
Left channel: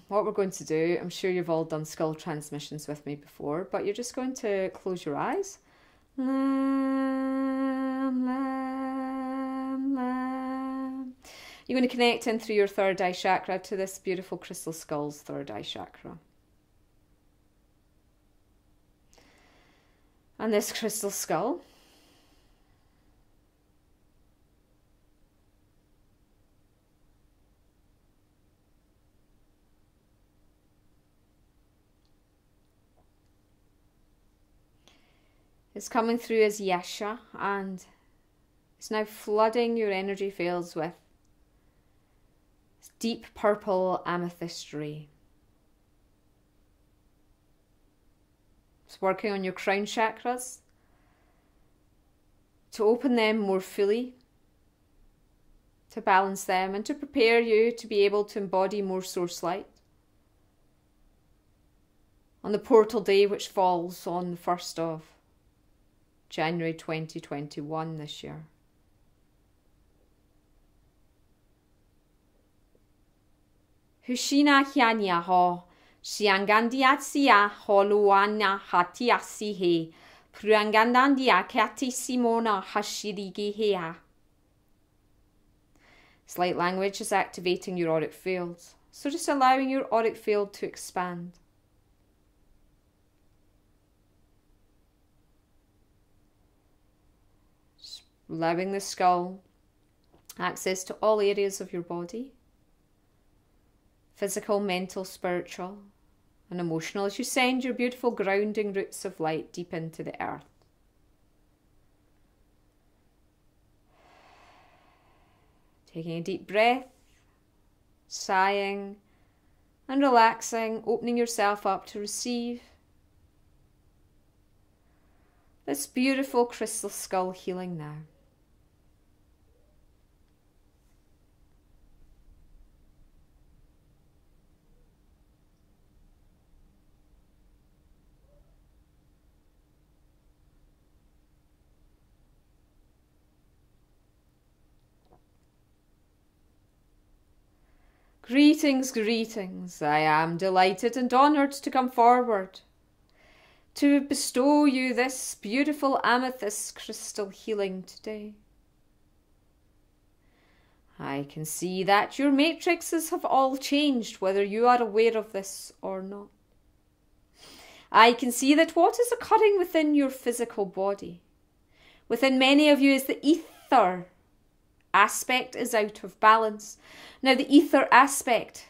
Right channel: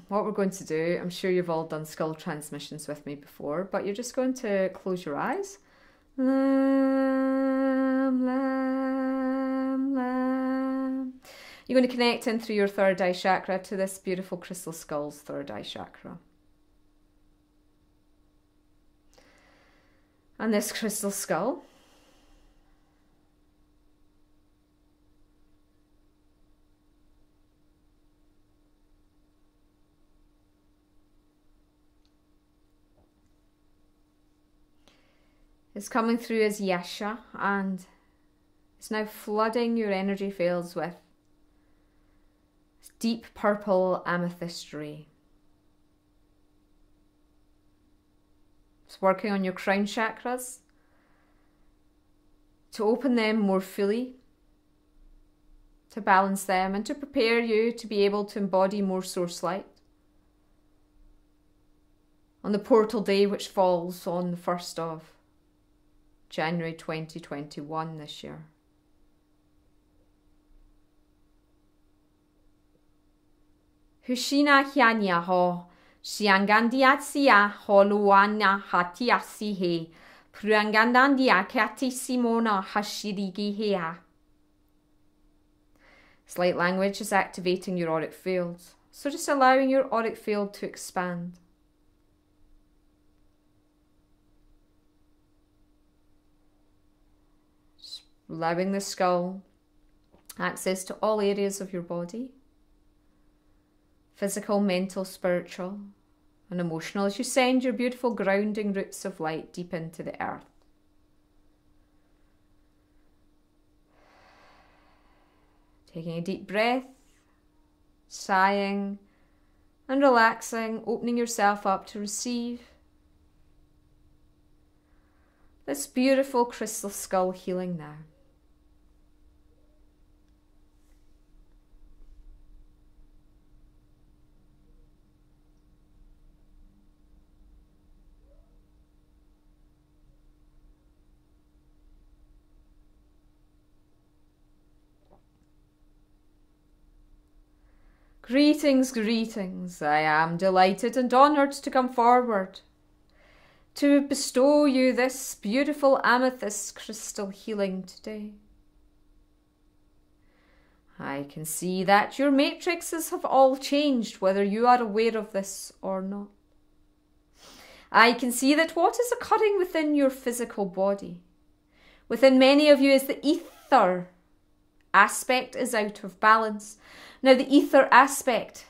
what we're going to do, I'm sure you've all done skull transmissions with me before, but you're just going to close your eyes. Lam, lam, lam. You're going to connect in through your third eye chakra to this beautiful crystal skull's third eye chakra. And this crystal skull is coming through as Yasha, and it's now flooding your energy fields with deep purple amethyst ray. It's working on your crown chakras to open them more fully, to balance them, and to prepare you to be able to embody more source light on the portal day, which falls on the 1st of January 2021 this year. Hushina hianya ho, shiangandiatsia holuana hatiasi he, pruangandandia kati simona hashirigi hea. This light language is activating your auric field, so just allowing your auric field to expand. Just allowing the skull access to all areas of your body. Physical, mental, spiritual, and emotional, as you send your beautiful grounding roots of light deep into the earth. Taking a deep breath, sighing and relaxing, opening yourself up to receive this beautiful crystal skull healing now. Greetings, greetings. I am delighted and honoured to come forward to bestow you this beautiful amethyst crystal healing today. I can see that your matrices have all changed, whether you are aware of this or not. I can see that what is occurring within your physical body, within many of you, is the ether aspect is out of balance. Now, the ether aspect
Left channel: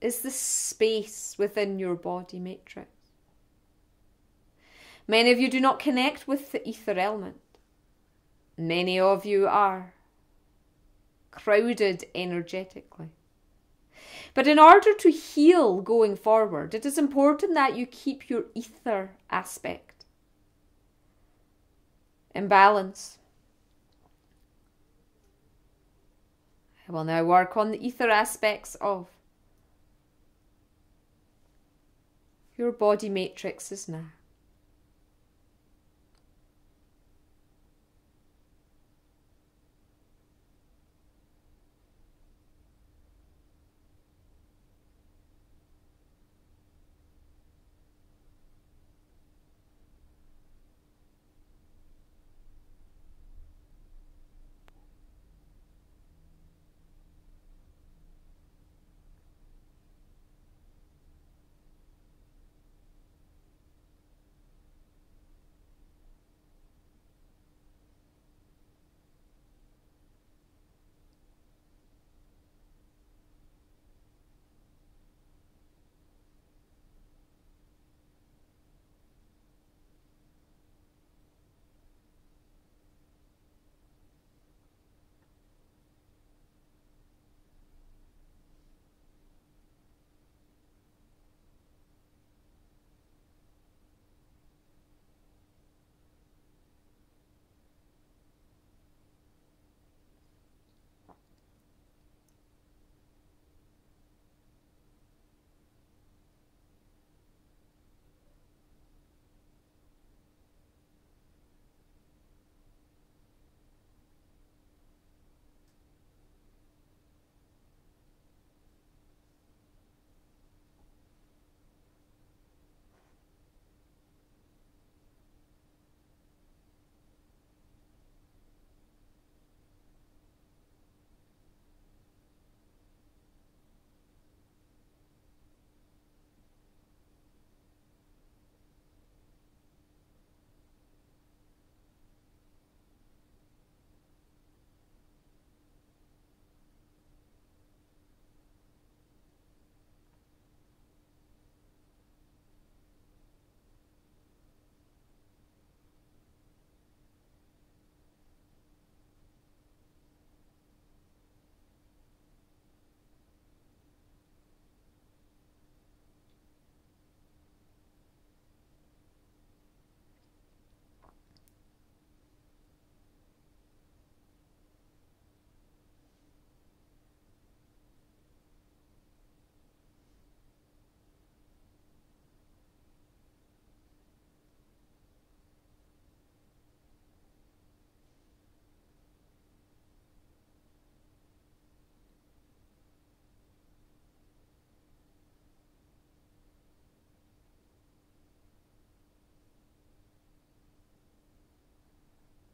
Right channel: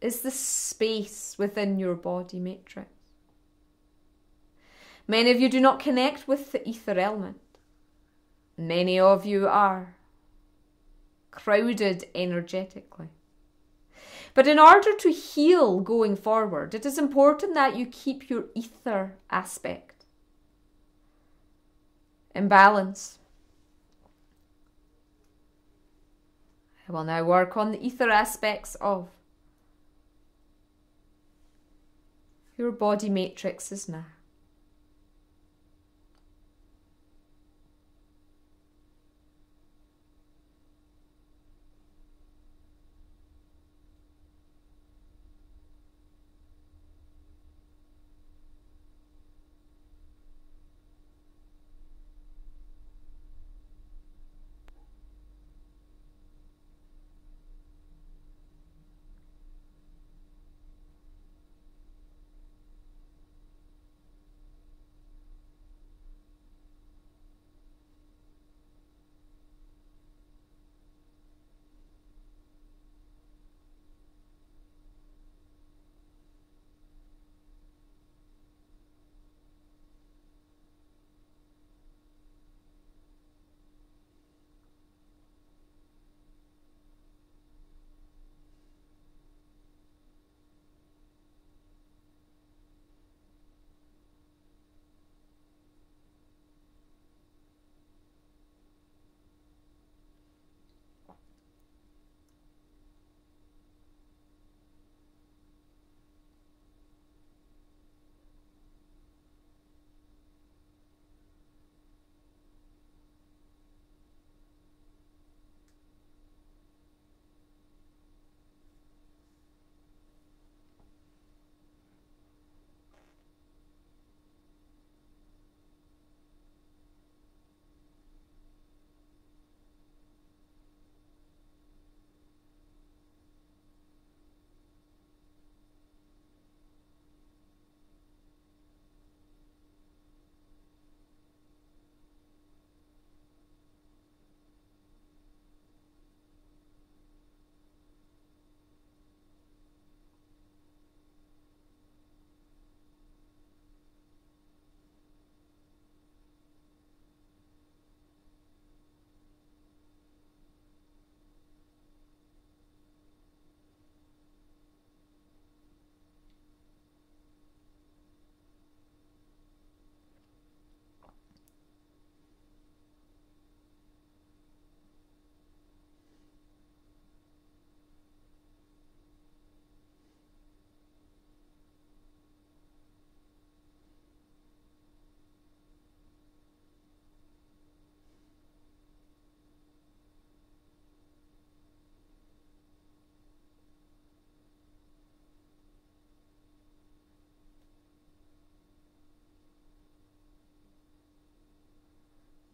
is the space within your body matrix. Many of you do not connect with the ether element. Many of you are crowded energetically. But in order to heal going forward, it is important that you keep your ether aspect in balance. I will now work on the ether aspects of your body matrices now.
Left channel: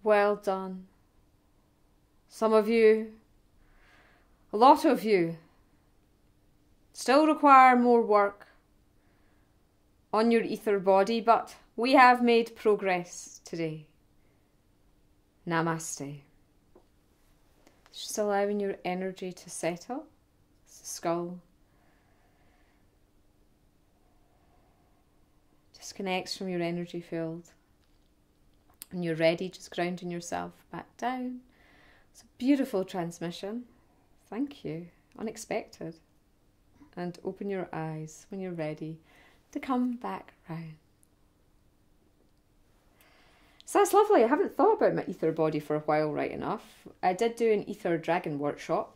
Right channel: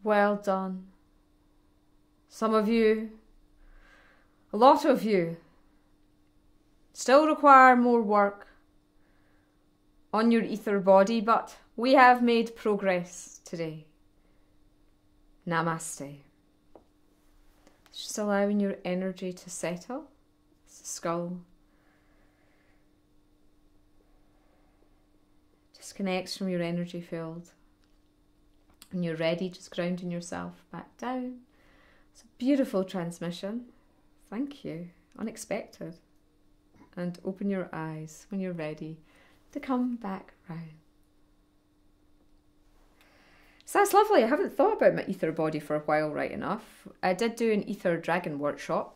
Well done. Some of you, a lot of you, still require more work on your ether body, but we have made progress today. Namaste. Just allowing your energy to settle. Skull. Disconnects from your energy field. When you're ready, just grounding yourself back down. It's a beautiful transmission. Thank you. Unexpected. And open your eyes when you're ready to come back round. So that's lovely. I haven't thought about my ether body for a while, right enough. I did do an ether dragon workshop.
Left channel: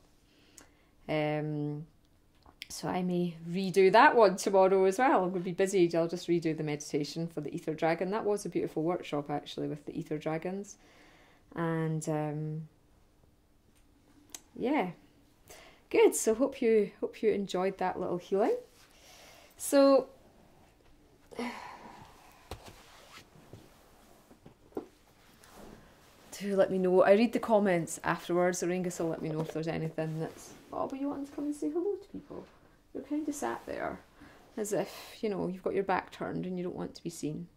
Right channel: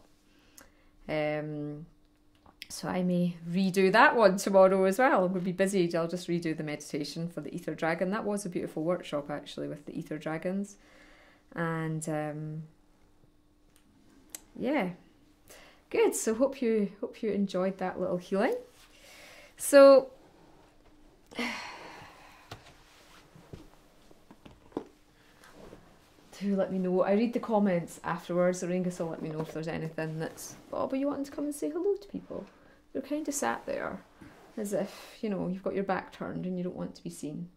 So I may redo that one tomorrow as well. We'll be busy. I'll just redo the meditation for the ether dragon. That was a beautiful workshop actually with the ether dragons. And yeah. Good. So hope you enjoyed that little healing. So do let me know. I read the comments afterwards. Auraengus will let me know if there's anything that's, oh, but you want to come and say hello to people. You're kind of sat there as if, you know, you've got your back turned and you don't want to be seen.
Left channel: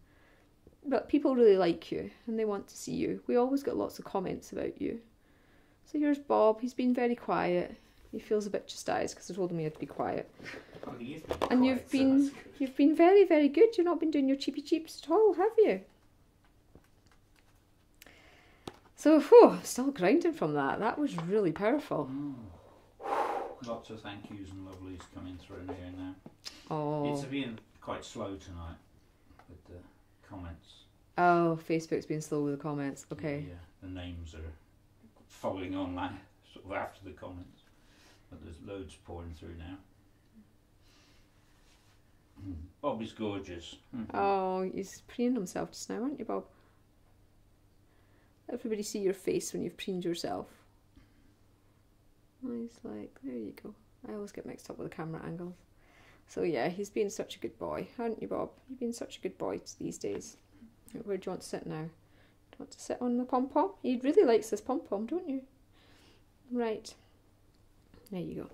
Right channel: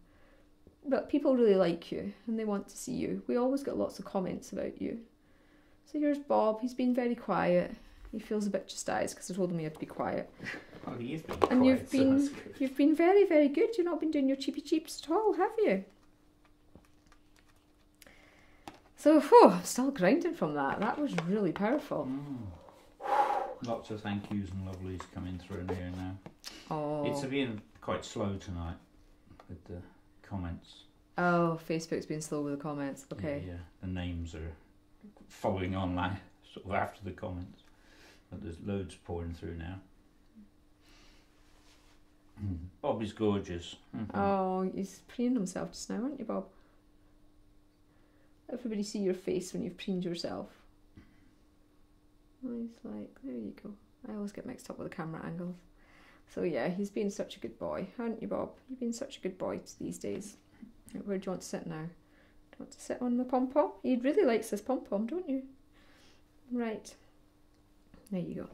But people really like you and they want to see you. We always get lots of comments about you. So here's Bob. He's been very quiet. He feels a bit chastised because I told him he had to be quiet. Well, he is And quiet, you've been very, very good. You've not been doing your cheapy cheeps at all, have you? So, whew, still grounded from that. That was really powerful. Lots of thank yous and lovelies coming through here now. Oh. It's been quite slow tonight with the comments. Oh, Facebook's been slow with the comments. Okay. Yeah, the names are following on that sort of after the comments. But there's loads pouring through now. Bob is gorgeous. Oh, he's preened himself just now, aren't you, Bob? Everybody see your face when you've preened yourself. He's like, there you go. I always get mixed up with the camera angles. So yeah, he's been such a good boy, haven't you, Bob? You've been such a good boy these days. Where do you want to sit now? Do you want to sit on the pom-pom? He really likes this pom-pom, don't you? Right. There you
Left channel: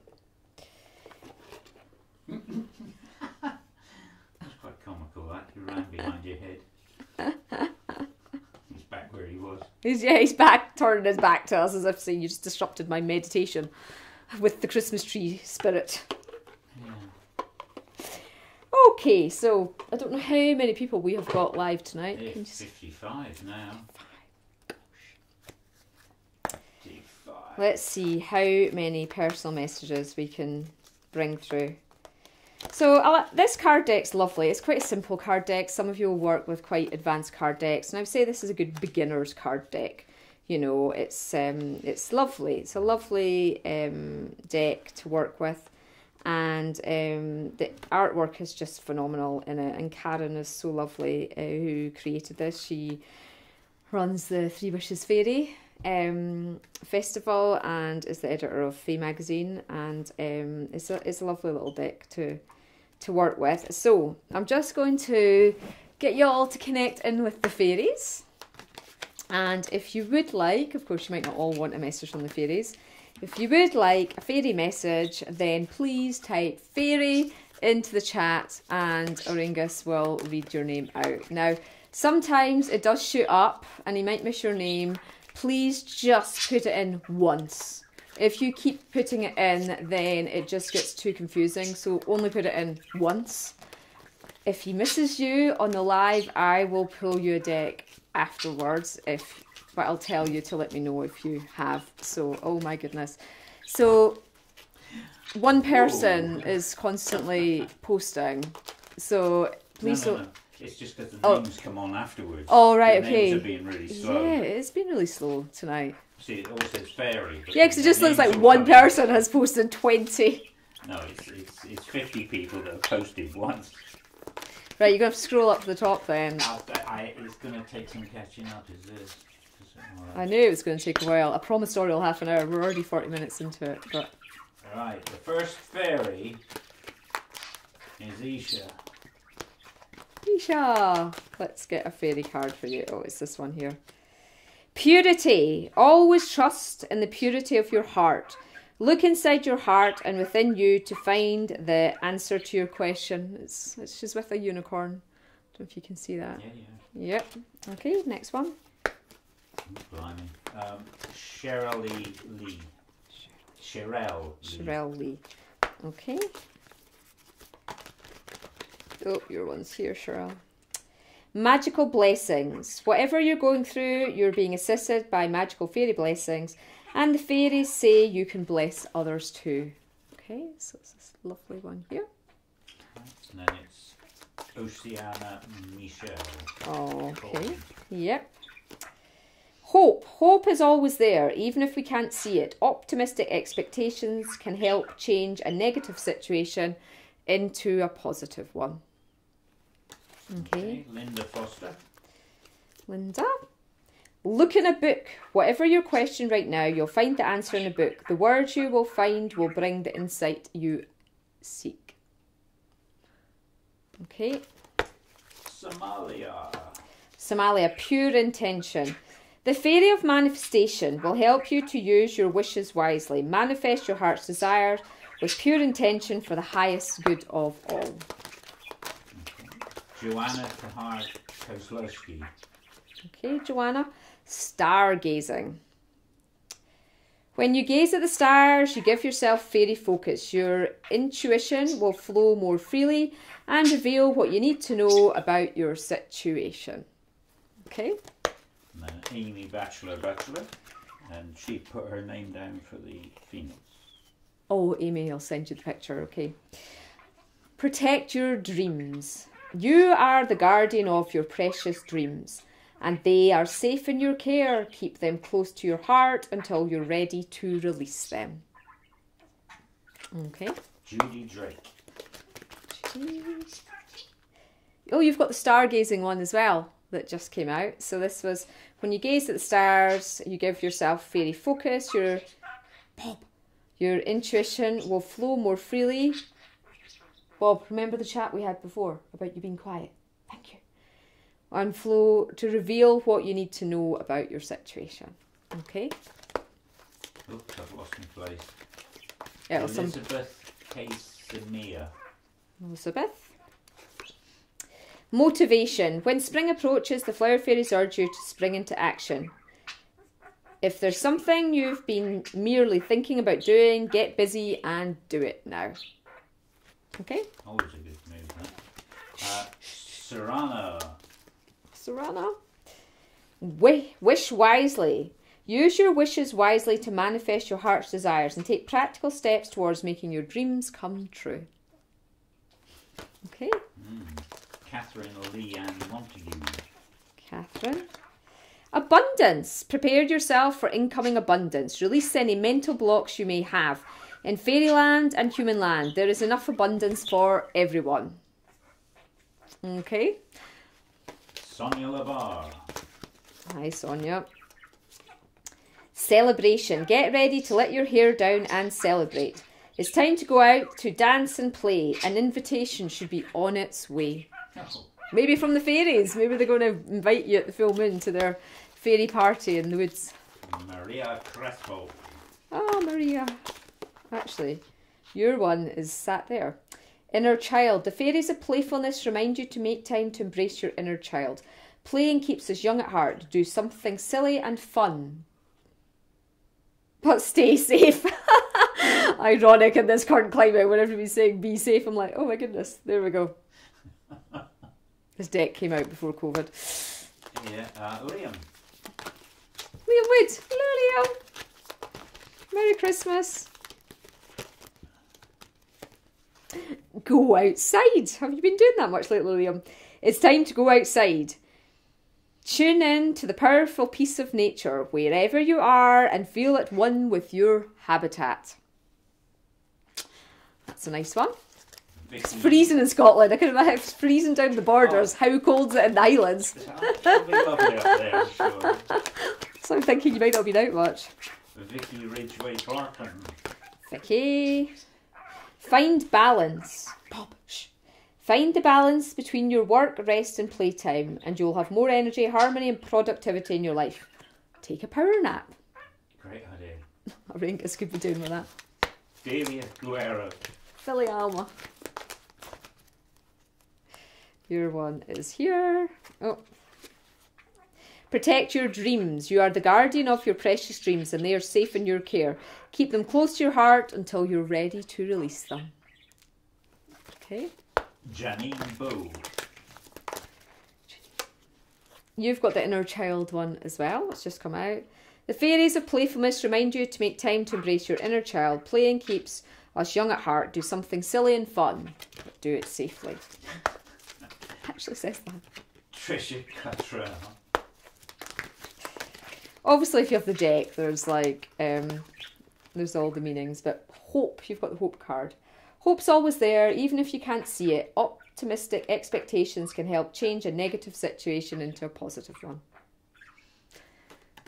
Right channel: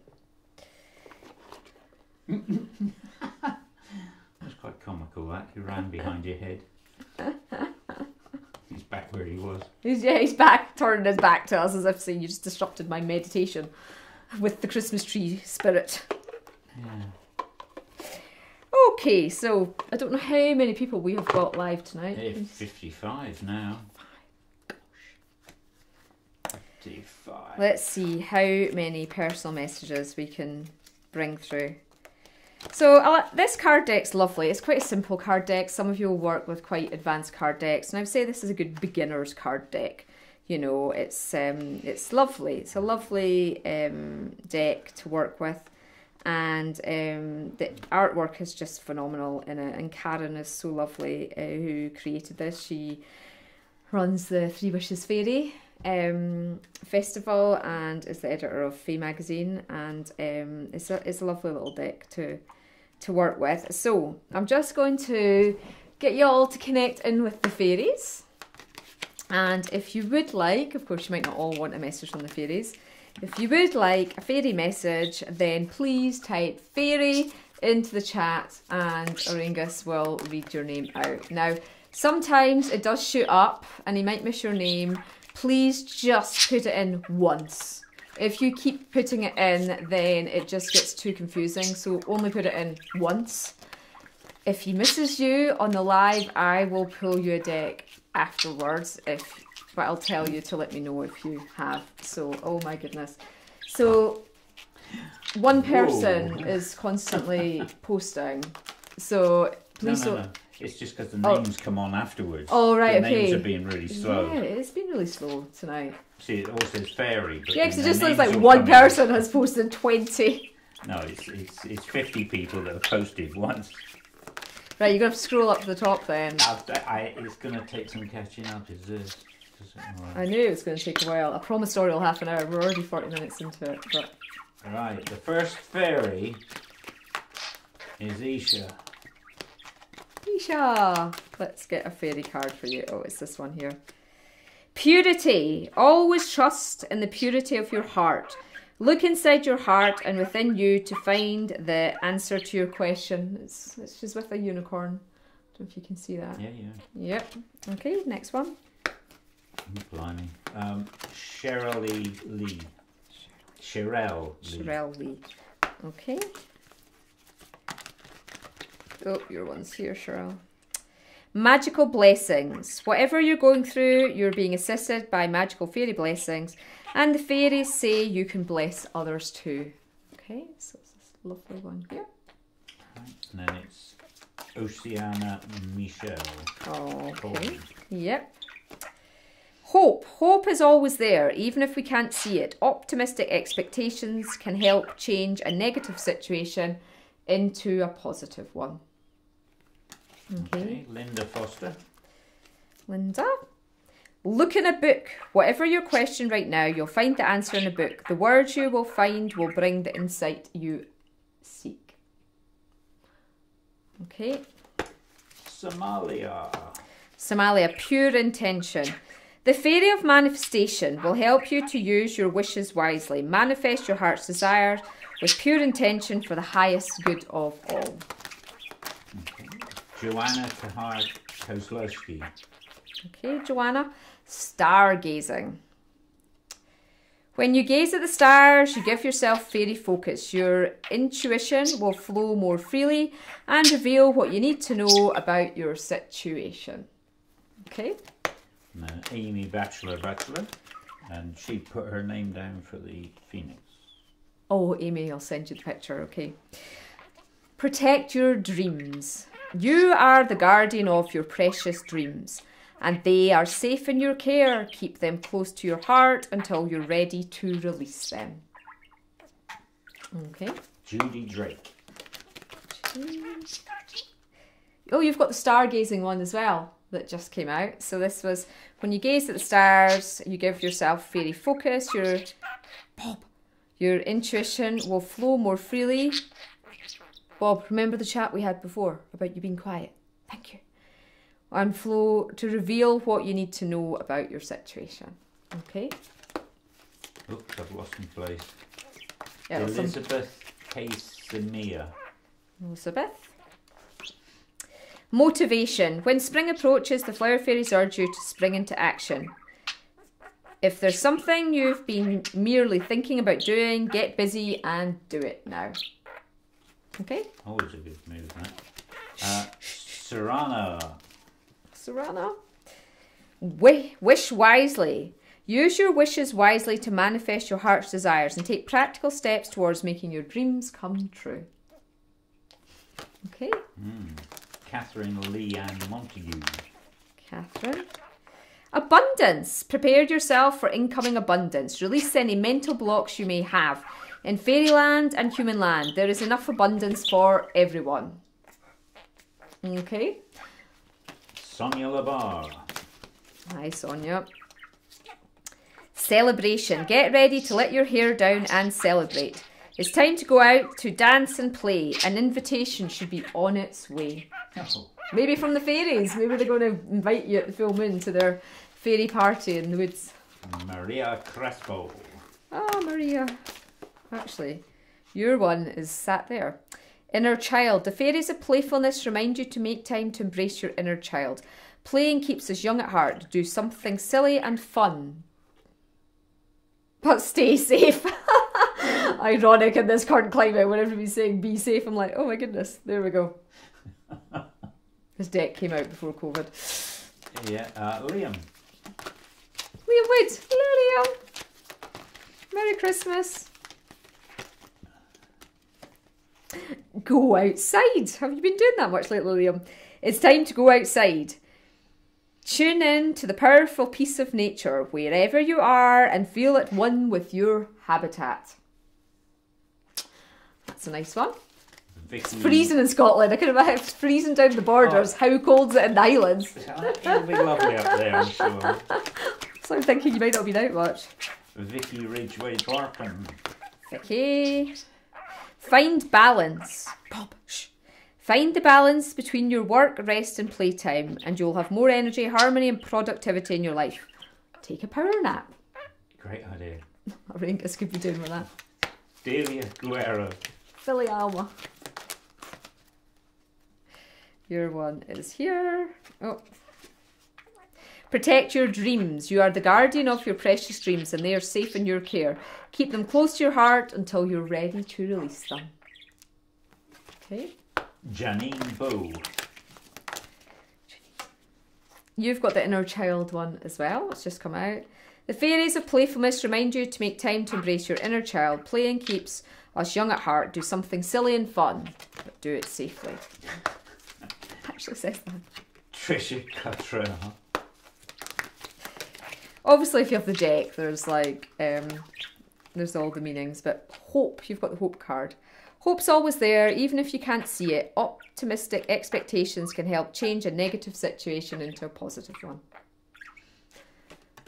go. That's quite comical, that. You ran behind your head. He's back where he was. He's back, turning his back to us as if saying you just disrupted my meditation with the Christmas tree spirit. Yeah. Okay, so I don't know how many people we have got live tonight. It's 55 now. 55. Let's see how many personal messages we can bring through. So this card deck's lovely. It's quite a simple card deck. Some of you will work with quite advanced card decks, and I would say this is a good beginner's card deck. You know, it's lovely. It's a lovely deck to work with, and the artwork is just phenomenal in it. And Karen is so lovely, who created this. She runs the Three Wishes Fairy festival and is the editor of Fae magazine, and it's a lovely little deck to work with. So I'm just going to get you all to connect in with the fairies, and if you would like, of course you might not all want a message from the fairies, if you would like a fairy message, then please type fairy into the chat and Auraengus will read your name out. Now sometimes it does shoot up and you might miss your name. Please just put it in once. If you keep putting it in, then it just gets too confusing. So only put it in once. If he misses you on the live, I will pull you a deck afterwards. But I'll tell you to let me know if you have. So, oh my goodness. So one person is constantly posting. So please no. It's just because the names come on afterwards. Oh, right, the okay. names are being really slow. Yeah, it's been really slow tonight. See, it all says fairy. But yeah, because it just looks like will one come person has posted 20. No, it's 50 people that have posted once. Right, you're going to have to scroll up to the top then. It's going to take some catching up, is this? I knew it was going to take a while. I promised Auriel half an hour. We're already 40 minutes into it. But Alright, the first fairy is Isha. Isha! Let's get a fairy card for you. Oh, it's this one here. Purity. Always trust in the purity of your heart. Look inside your heart and within you to find the answer to your question. She's with a unicorn. I don't know if you can see that. Yeah. Yep. Okay, next one. Oh, blimey. Cheryl Lee. Cheryl Lee. Okay. Oh, your one's here, Cheryl. Magical blessings. Whatever you're going through, you're being assisted by magical fairy blessings. And the fairies say you can bless others too. Okay, so it's this lovely one here. And then it's Oceana Michelle. Okay, yep. Hope. Hope is always there, even if we can't see it. Optimistic expectations can help change a negative situation into a positive one. Okay. Linda Foster. Linda. Look in a book. Whatever your question right now, you'll find the answer in a book. The words you will find will bring the insight you seek. Okay. Somalia, pure intention. The fairy of manifestation will help you to use your wishes wisely. Manifest your heart's desires with pure intention for the highest good of all. Joanna Kozlowski. Okay, Joanna. Stargazing. When you gaze at the stars, you give yourself fairy focus. Your intuition will flow more freely and reveal what you need to know about your situation. Okay. And then Amy Bachelor, and she put her name down for the Phoenix. Oh, Amy, I'll send you the picture, okay. Protect your dreams. You are the guardian of your precious dreams, and they are safe in your care. Keep them close to your heart until you're ready to release them. Okay. Judy Drake. Oh, you've got the stargazing one as well that just came out. So this was when you gaze at the stars, you give yourself fairy focus. Your intuition will flow more freely. Bob, remember the chat we had before about you being quiet? Thank you. And flow to reveal what you need to know about your situation. Okay. Oops, I've lost my place. Elizabeth Casimir. Elizabeth. Motivation. When spring approaches, the flower fairies urge you to spring into action. If there's something you've been merely thinking about doing, get busy and do it now. Okay. Always a good move, that. Serrano. Wish wisely. Use your wishes wisely to manifest your heart's desires and take practical steps towards making your dreams come true. Okay. Catherine Leanne Montague. Catherine. Abundance. Prepare yourself for incoming abundance. Release any mental blocks you may have. In fairyland and human land, there is enough abundance for everyone. Okay. Sonia Labar. Hi, Sonia. Celebration. Get ready to let your hair down and celebrate. It's time to go out to dance and play. An invitation should be on its way. Oh. Maybe from the fairies. Maybe they're going to invite you at the full moon to their fairy party in the woods. Maria Crespo. Oh, Maria. Actually, your one is sat there. Inner child. The fairies of playfulness remind you to make time to embrace your inner child. Playing keeps us young at heart. Do something silly and fun. But stay safe. Ironic in this current climate when everybody's saying be safe. I'm like, oh my goodness. There we go. This deck came out before COVID. Yeah, Liam. Liam Wood. Hello, Liam. Merry Christmas. Go outside. Have you been doing that much lately, Liam? It's time to go outside. Tune in to the powerful peace of nature wherever you are and feel at one with your habitat. That's a nice one. Vicky. It's freezing in Scotland. I can imagine it's freezing down the borders. Oh. How cold's it in the islands? It'll be lovely up there, I'm sure. So I'm thinking you might not be out much. Vicky Ridgway Barkin. Vicky. Find balance. Bob, shh. Find the balance between your work, rest and playtime and you'll have more energy, harmony and productivity in your life. take a power nap. Great idea. Auraengus could be doing with that. Delia Guerra. Filiama. Your one is here. Oh. Protect your dreams. You are the guardian of your precious dreams and they are safe in your care. Keep them close to your heart until you're ready to release them. Okay. Janine Bow. You've got the inner child one as well. It's just come out. The fairies of playfulness remind you to make time to embrace your inner child. Playing keeps us young at heart. Do something silly and fun, but do it safely. Actually says that. Trisha Cuttrell. Obviously, if you have the deck, there's like, there's all the meanings, but hope, you've got the hope card. Hope's always there, even if you can't see it. Optimistic expectations can help change a negative situation into a positive one.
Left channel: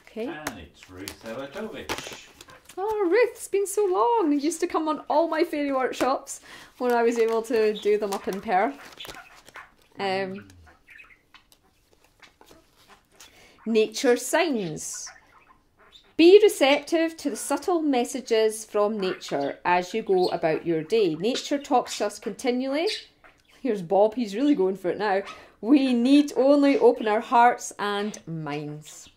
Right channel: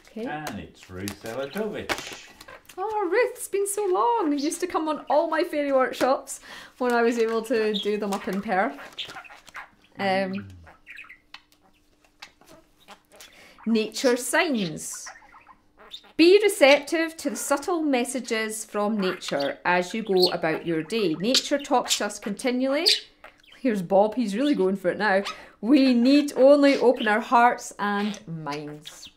Okay. And it's Ruth Elatovich. Oh, Ruth, it's been so long. You used to come on all my fairy workshops when I was able to do them up in Perth. Nature signs. Be receptive to the subtle messages from nature as you go about your day. Nature talks to us continually. Here's Bob, he's really going for it now. We need only open our hearts and minds.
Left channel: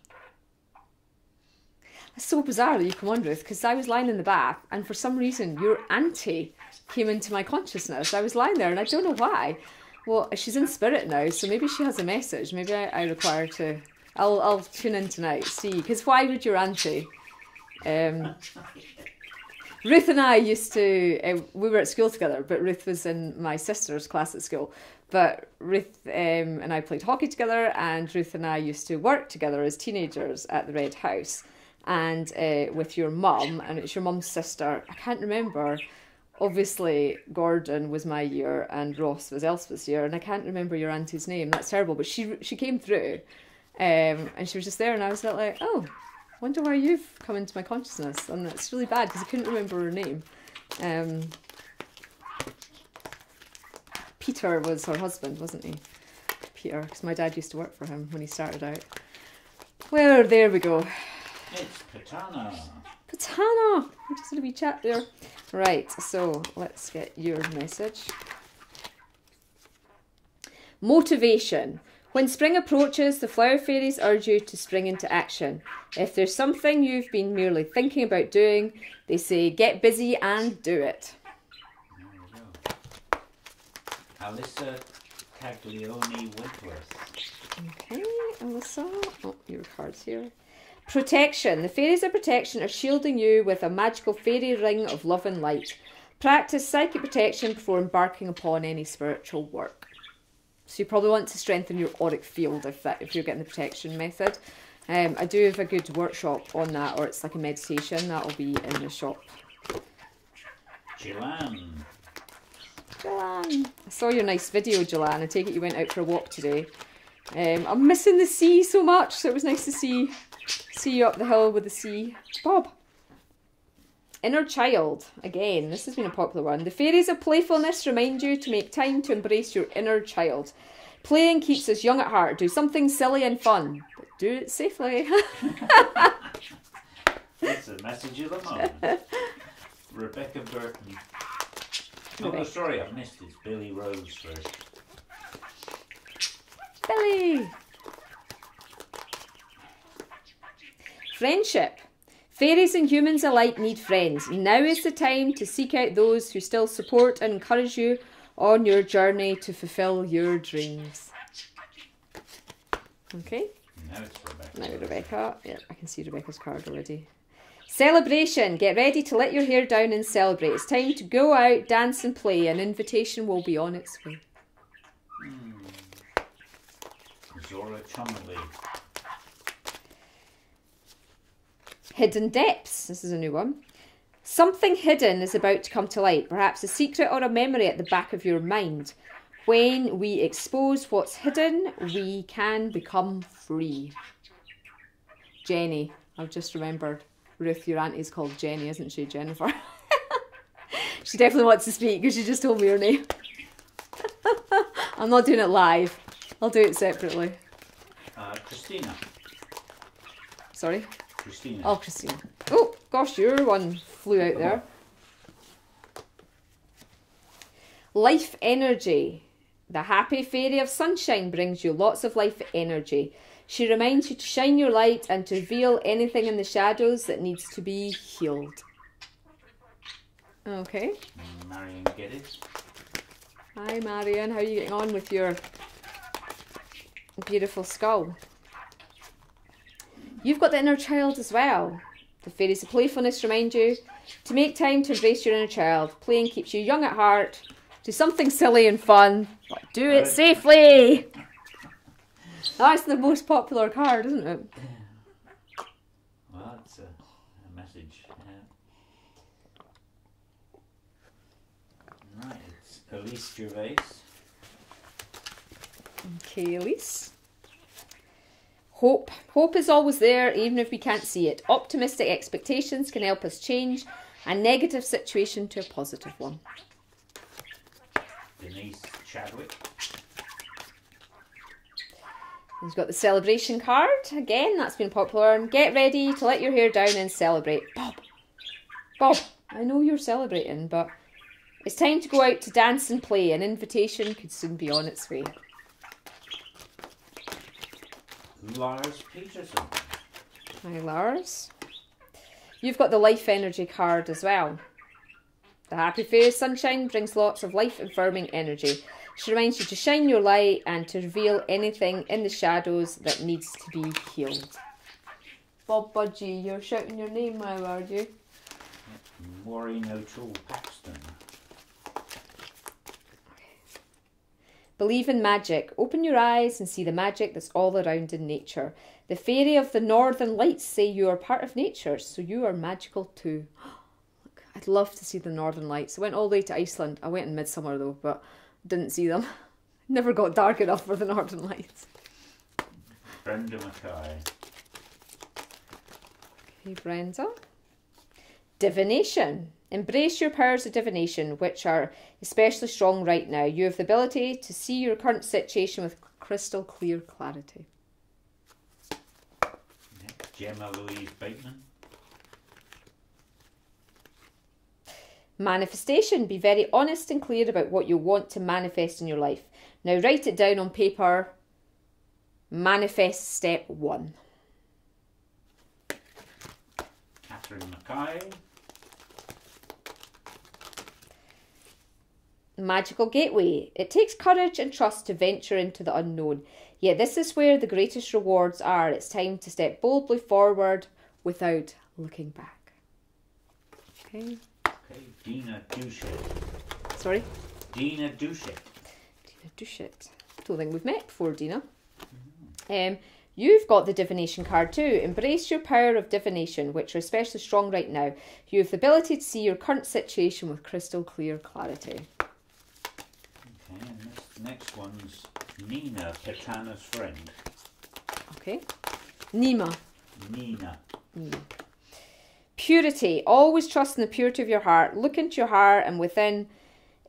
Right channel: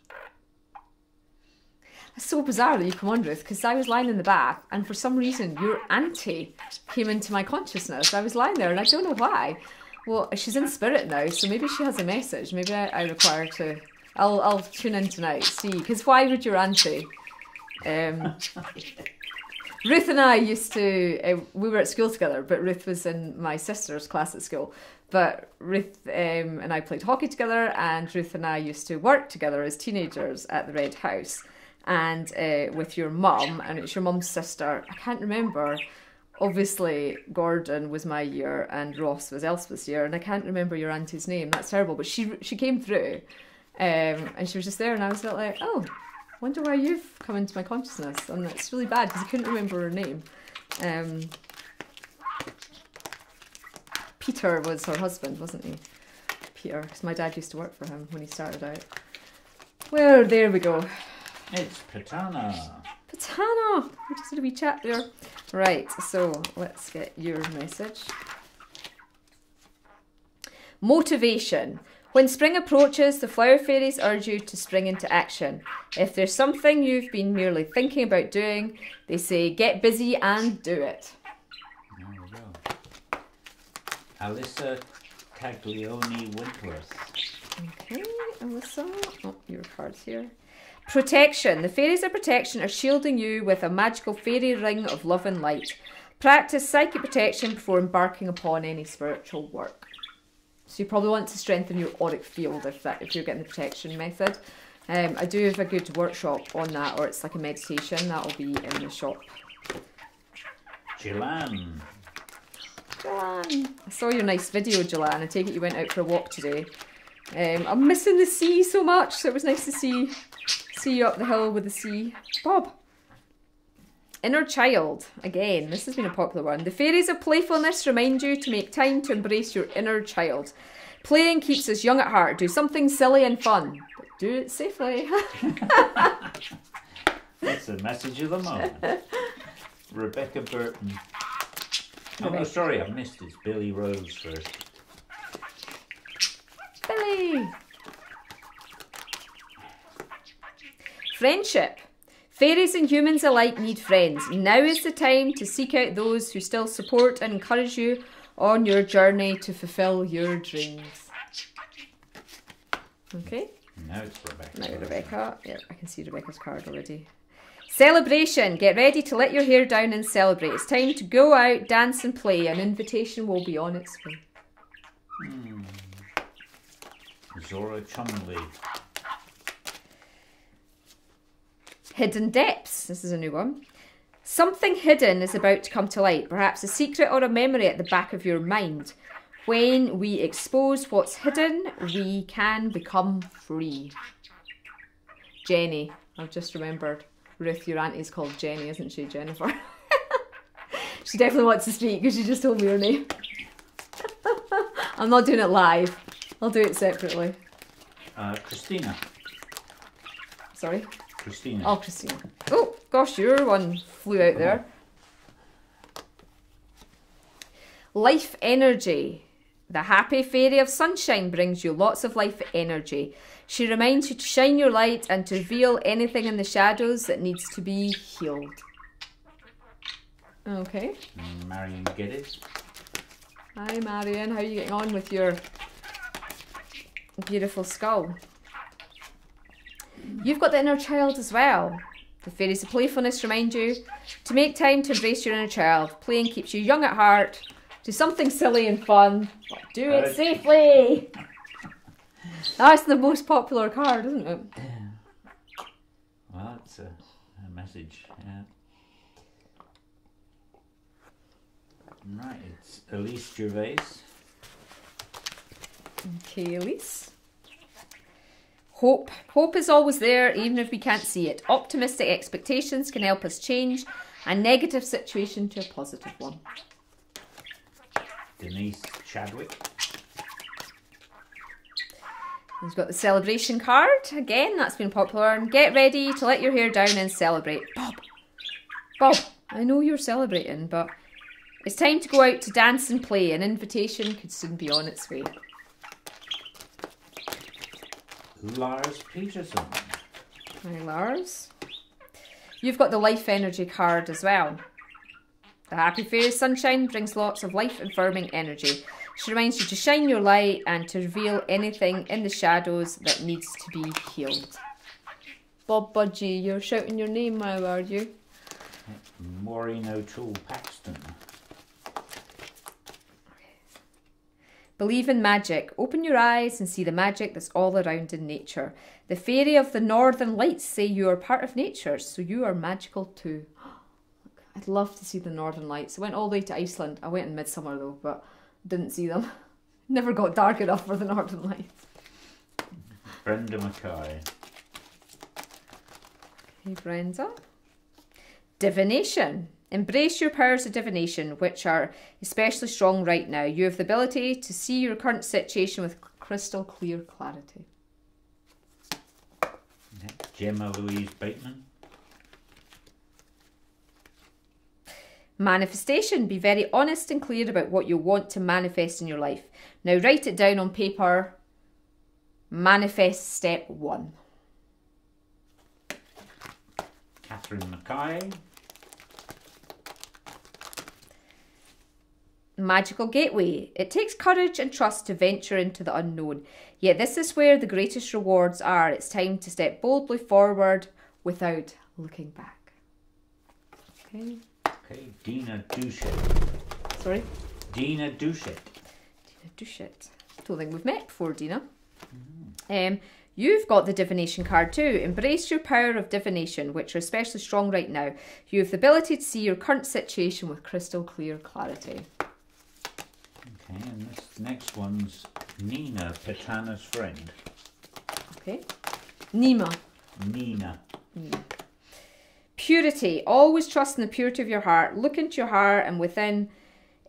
It's so bizarre that you come on, Ruth, because I was lying in the bath and for some reason your auntie came into my consciousness. I was lying there and I don't know why. Well, she's in spirit now, so maybe she has a message. Maybe I require to... I'll tune in tonight, see, because why would your auntie? Ruth and I used to, we were at school together, but Ruth was in my sister's class at school. But Ruth and I played hockey together, and Ruth and I used to work together as teenagers at the Red House. And with your mum, and it's your mum's sister, I can't remember. Obviously, Gordon was my year, and Ross was Elspeth's year, and I can't remember your auntie's name. That's terrible, but she came through. And she was just there and I was like, oh, wonder why you've come into my consciousness. And it's really bad because I couldn't remember her name. Peter was her husband, wasn't he? Peter, because my dad used to work for him when he started out. Well, there we go. It's Patana. Patana! We just had a wee chat there. Right, so let's get your message. Motivation. When spring approaches, the flower fairies urge you to spring into action. If there's something you've been merely thinking about doing, they say get busy and do it. There we go. Alyssa Caglioni Wentworth. Okay, Alyssa. Oh, your card's here. Protection. The fairies of protection are shielding you with a magical fairy ring of love and light. Practice psychic protection before embarking upon any spiritual work. So you probably want to strengthen your auric field if you're getting the protection method. I do have a good workshop on that, or it's like a meditation. That'll be in the shop. Joanne. Joanne. I saw your nice video, Joanne. I take it you went out for a walk today. I'm missing the sea so much, so it was nice to see you up the hill with the sea. Bob. Inner child. Again, this has been a popular one. The fairies of playfulness remind you to make time to embrace your inner child. Playing keeps us young at heart. Do something silly and fun, but do it safely. That's the message of the moment. Rebecca Burton. Oh, sorry, I missed it. Billy Rose first. Billy. Friendship. Fairies and humans alike need friends. Now is the time to seek out those who still support and encourage you on your journey to fulfill your dreams. Okay. Now it's Rebecca. Now Rebecca. Yeah, I can see Rebecca's card already. Celebration. Get ready to let your hair down and celebrate. It's time to go out, dance and play. An invitation will be on its way. Zora Chumley. Hidden depths. This is a new one. Something hidden is about to come to light. Perhaps a secret or a memory at the back of your mind. When we expose what's hidden, we can become free. Jenny. I've just remembered. Ruth, your auntie's called Jenny, isn't she? Jennifer. She definitely wants to speak because she just told me her name. I'm not doing it live. I'll do it separately. Christina. Sorry? Christina. Oh, Christina. Oh, gosh, your one flew out there. Life energy. The happy fairy of sunshine brings you lots of life energy. She reminds you to shine your light and to reveal anything in the shadows that needs to be healed. Okay. Marion, get it? Hi, Marion. How are you getting on with your beautiful skull? You've got the inner child as well. The fairies of playfulness remind you to make time to embrace your inner child. Playing keeps you young at heart. Do something silly and fun, but do it safely. That's the most popular card, isn't it? Well, that's a message. Yeah. Right, it's Elise Gervais. Okay, Elise. Hope. Hope is always there, even if we can't see it. Optimistic expectations can help us change a negative situation to a positive one. Denise Chadwick. He's got the celebration card. Again, that's been popular. And get ready to let your hair down and celebrate. Bob. Bob, I know you're celebrating, but it's time to go out to dance and play. An invitation could soon be on its way. Lars Peterson. Hi, Lars. You've got the life energy card as well. The happy fairy sunshine brings lots of life-affirming energy. She reminds you to shine your light and to reveal anything in the shadows that needs to be healed. Bob Budgie, you're shouting your name now, are you? Maureen O'Toole Paxton. Believe in magic. Open your eyes and see the magic that's all around in nature. The fairy of the northern lights say you are part of nature, so you are magical too. I'd love to see the northern lights. I went all the way to Iceland. I went in midsummer though, but didn't see them. Never got dark enough for the northern lights. Brenda Mackay. Okay, Brenda. Divination. Embrace your powers of divination, which are especially strong right now. You have the ability to see your current situation with crystal clear clarity. Okay. Gemma Louise Bateman. Manifestation. Be very honest and clear about what you want to manifest in your life. Now write it down on paper. Manifest step 1. Catherine Mackay. Magical gateway. It takes courage and trust to venture into the unknown. Yet this is where the greatest rewards are. It's time to step boldly forward without looking back. Okay. Okay, Dina Duchet. Sorry? Dina Duchet. Dina Duchet. Don't think we've met before, Dina. You've got the divination card too. Embrace your power of divination, which are especially strong right now. You have the ability to see your current situation with crystal clear clarity. Okay, and this next one's Nina, Petana's friend. Okay. Nima. Nina. Purity. Always trust in the purity of your heart. Look into your heart and within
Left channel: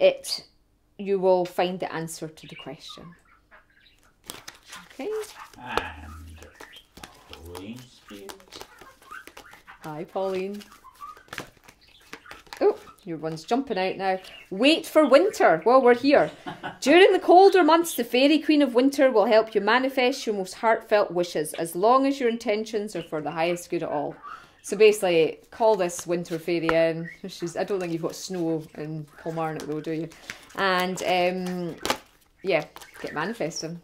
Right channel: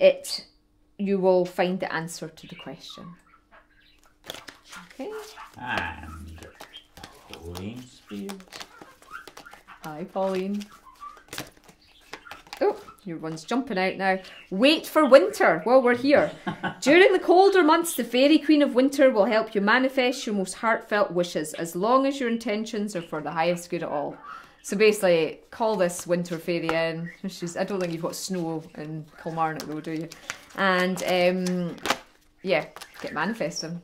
it you will find the answer to the question. Okay. And Pauline Spears. Hi, Pauline. Oh, your one's jumping out now. Wait for winter while we're here. During the colder months, the Fairy Queen of Winter will help you manifest your most heartfelt wishes as long as your intentions are for the highest good of all. So basically, call this winter fairy in. I don't think you've got snow in Kilmarnock though, do you? And yeah, get manifesting.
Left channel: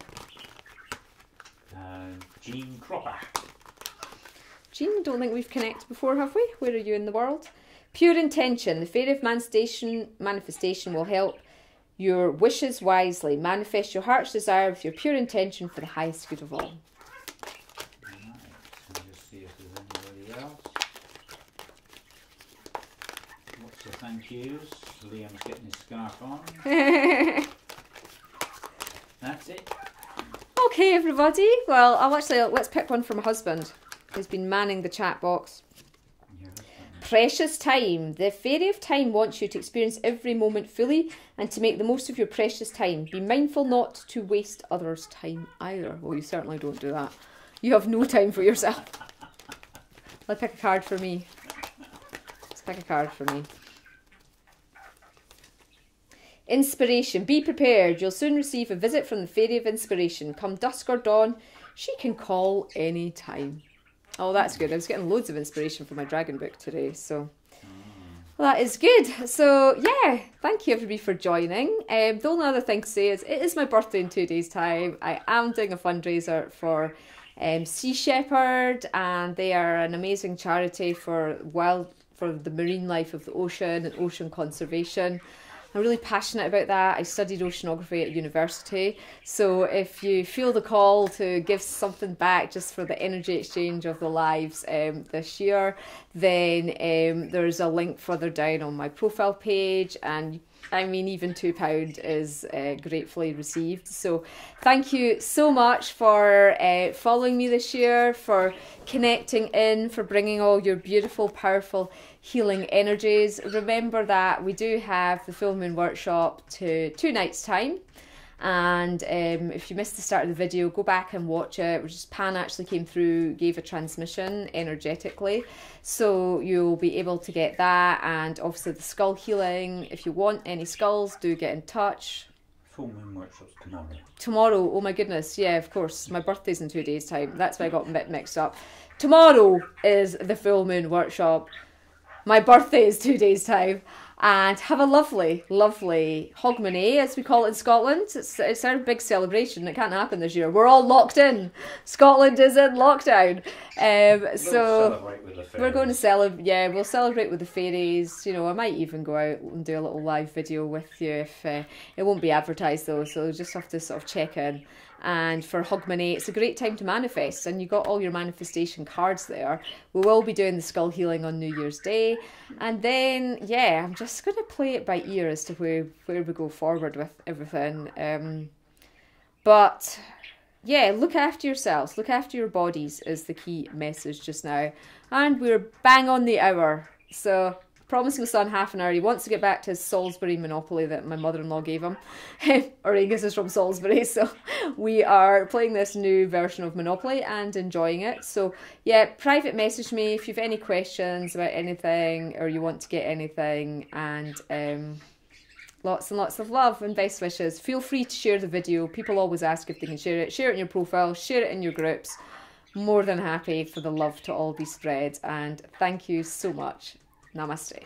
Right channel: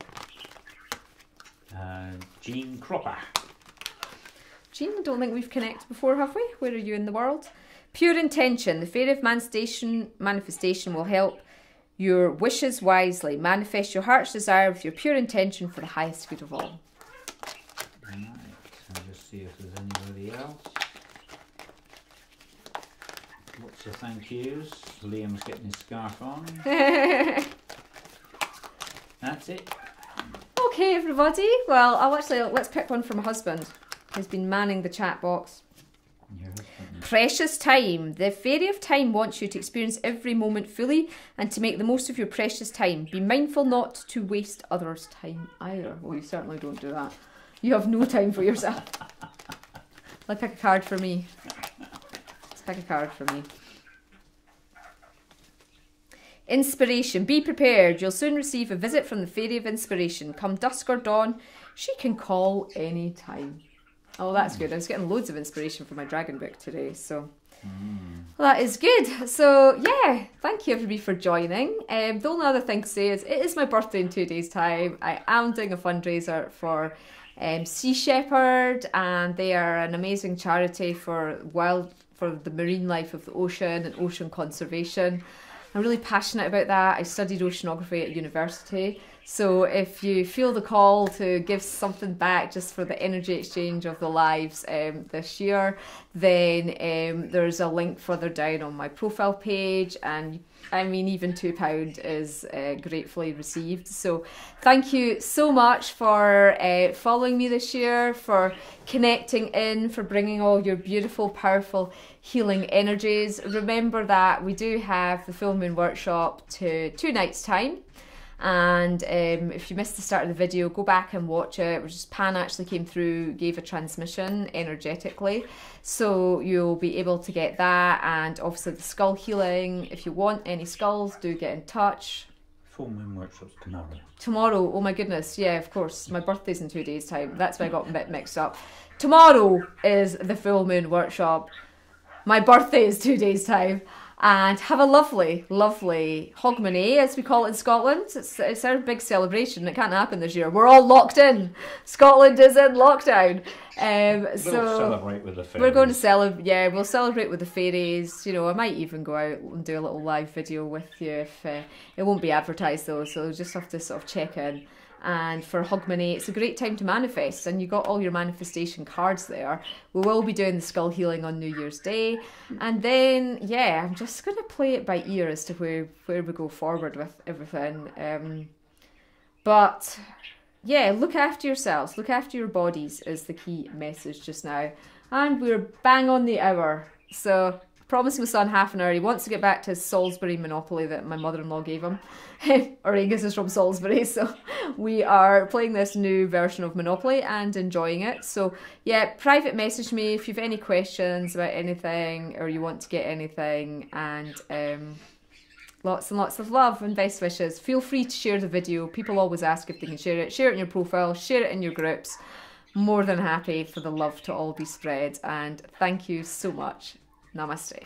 Jean Cropper. Jean, I don't think we've connected before, have we? Where are you in the world? Pure intention. The Fairy of Manifestation will help your wishes wisely. Manifest your heart's desire with your pure intention for the highest good of all. Right, so just see if there's anybody else. Lots of thank yous. Liam's getting his scarf on. That's it. Okay, everybody. Well, let's pick one from my husband, who's been manning the chat box. Precious time. The Fairy of Time wants you to experience every moment fully and to make the most of your precious time. Be mindful not to waste others' time either. Well, you certainly don't do that. You have no time for yourself. Let's pick a card for me. Let's pick a card for me. Inspiration. Be prepared. You'll soon receive a visit from the Fairy of Inspiration. Come dusk or dawn, she can call any time. Oh, that's good. I was getting loads of inspiration for my dragon book today, so that is good. So yeah, thank you everybody for joining. The only other thing to say is it is my birthday in 2 days' time. I am doing a fundraiser for Sea Shepherd, and they are an amazing charity for the marine life of the ocean and ocean conservation. I'm really passionate about that. I studied oceanography at university. So if you feel the call to give something back just for the energy exchange of the lives this year, then there's a link further down on my profile page. And I mean, even £2 is gratefully received. So thank you so much for following me this year, for connecting in, for bringing all your beautiful, powerful healing energies. Remember that we do have the full moon workshop to 2 nights time, and if you missed the start of the video, go back and watch it. Pan actually came through, gave a transmission energetically, so you'll be able to get that, and obviously the skull healing. If you want any skulls, do get in touch. Full moon workshop's tomorrow. Tomorrow, oh my goodness, yeah, of course. My birthday's in 2 days time. That's why I got a bit mixed up. Tomorrow is the full moon workshop. My birthday is 2 days time, and have a lovely, lovely Hogmanay, as we call it in Scotland. It's our big celebration. It can't happen this year. We're all locked in. Scotland is in lockdown. So celebrate with the fairies. We're going to celebrate. Yeah, we'll celebrate with the fairies. You know, I might even go out and do a little live video with you. If it won't be advertised though, so you'll just have to sort of check in. And for Hogmanay, it's a great time to manifest, and you got all your manifestation cards there. We will be doing the skull healing on New Year's Day, and then yeah, I'm just going to play it by ear as to where we go forward with everything. But yeah, look after yourselves, look after your bodies is the key message just now, and we're bang on the hour. So promised my son half an hour. He wants to get back to his Salisbury Monopoly that my mother-in-law gave him. Auraengus is from Salisbury, so we are playing this new version of Monopoly and enjoying it. So yeah, private message me if you've any questions about anything or you want to get anything, and lots and lots of love and best wishes. Feel free to share the video. People always ask if they can share it. Share it in your profile, share it in your groups. More than happy for the love to all be spread, and thank you so much. Namaste.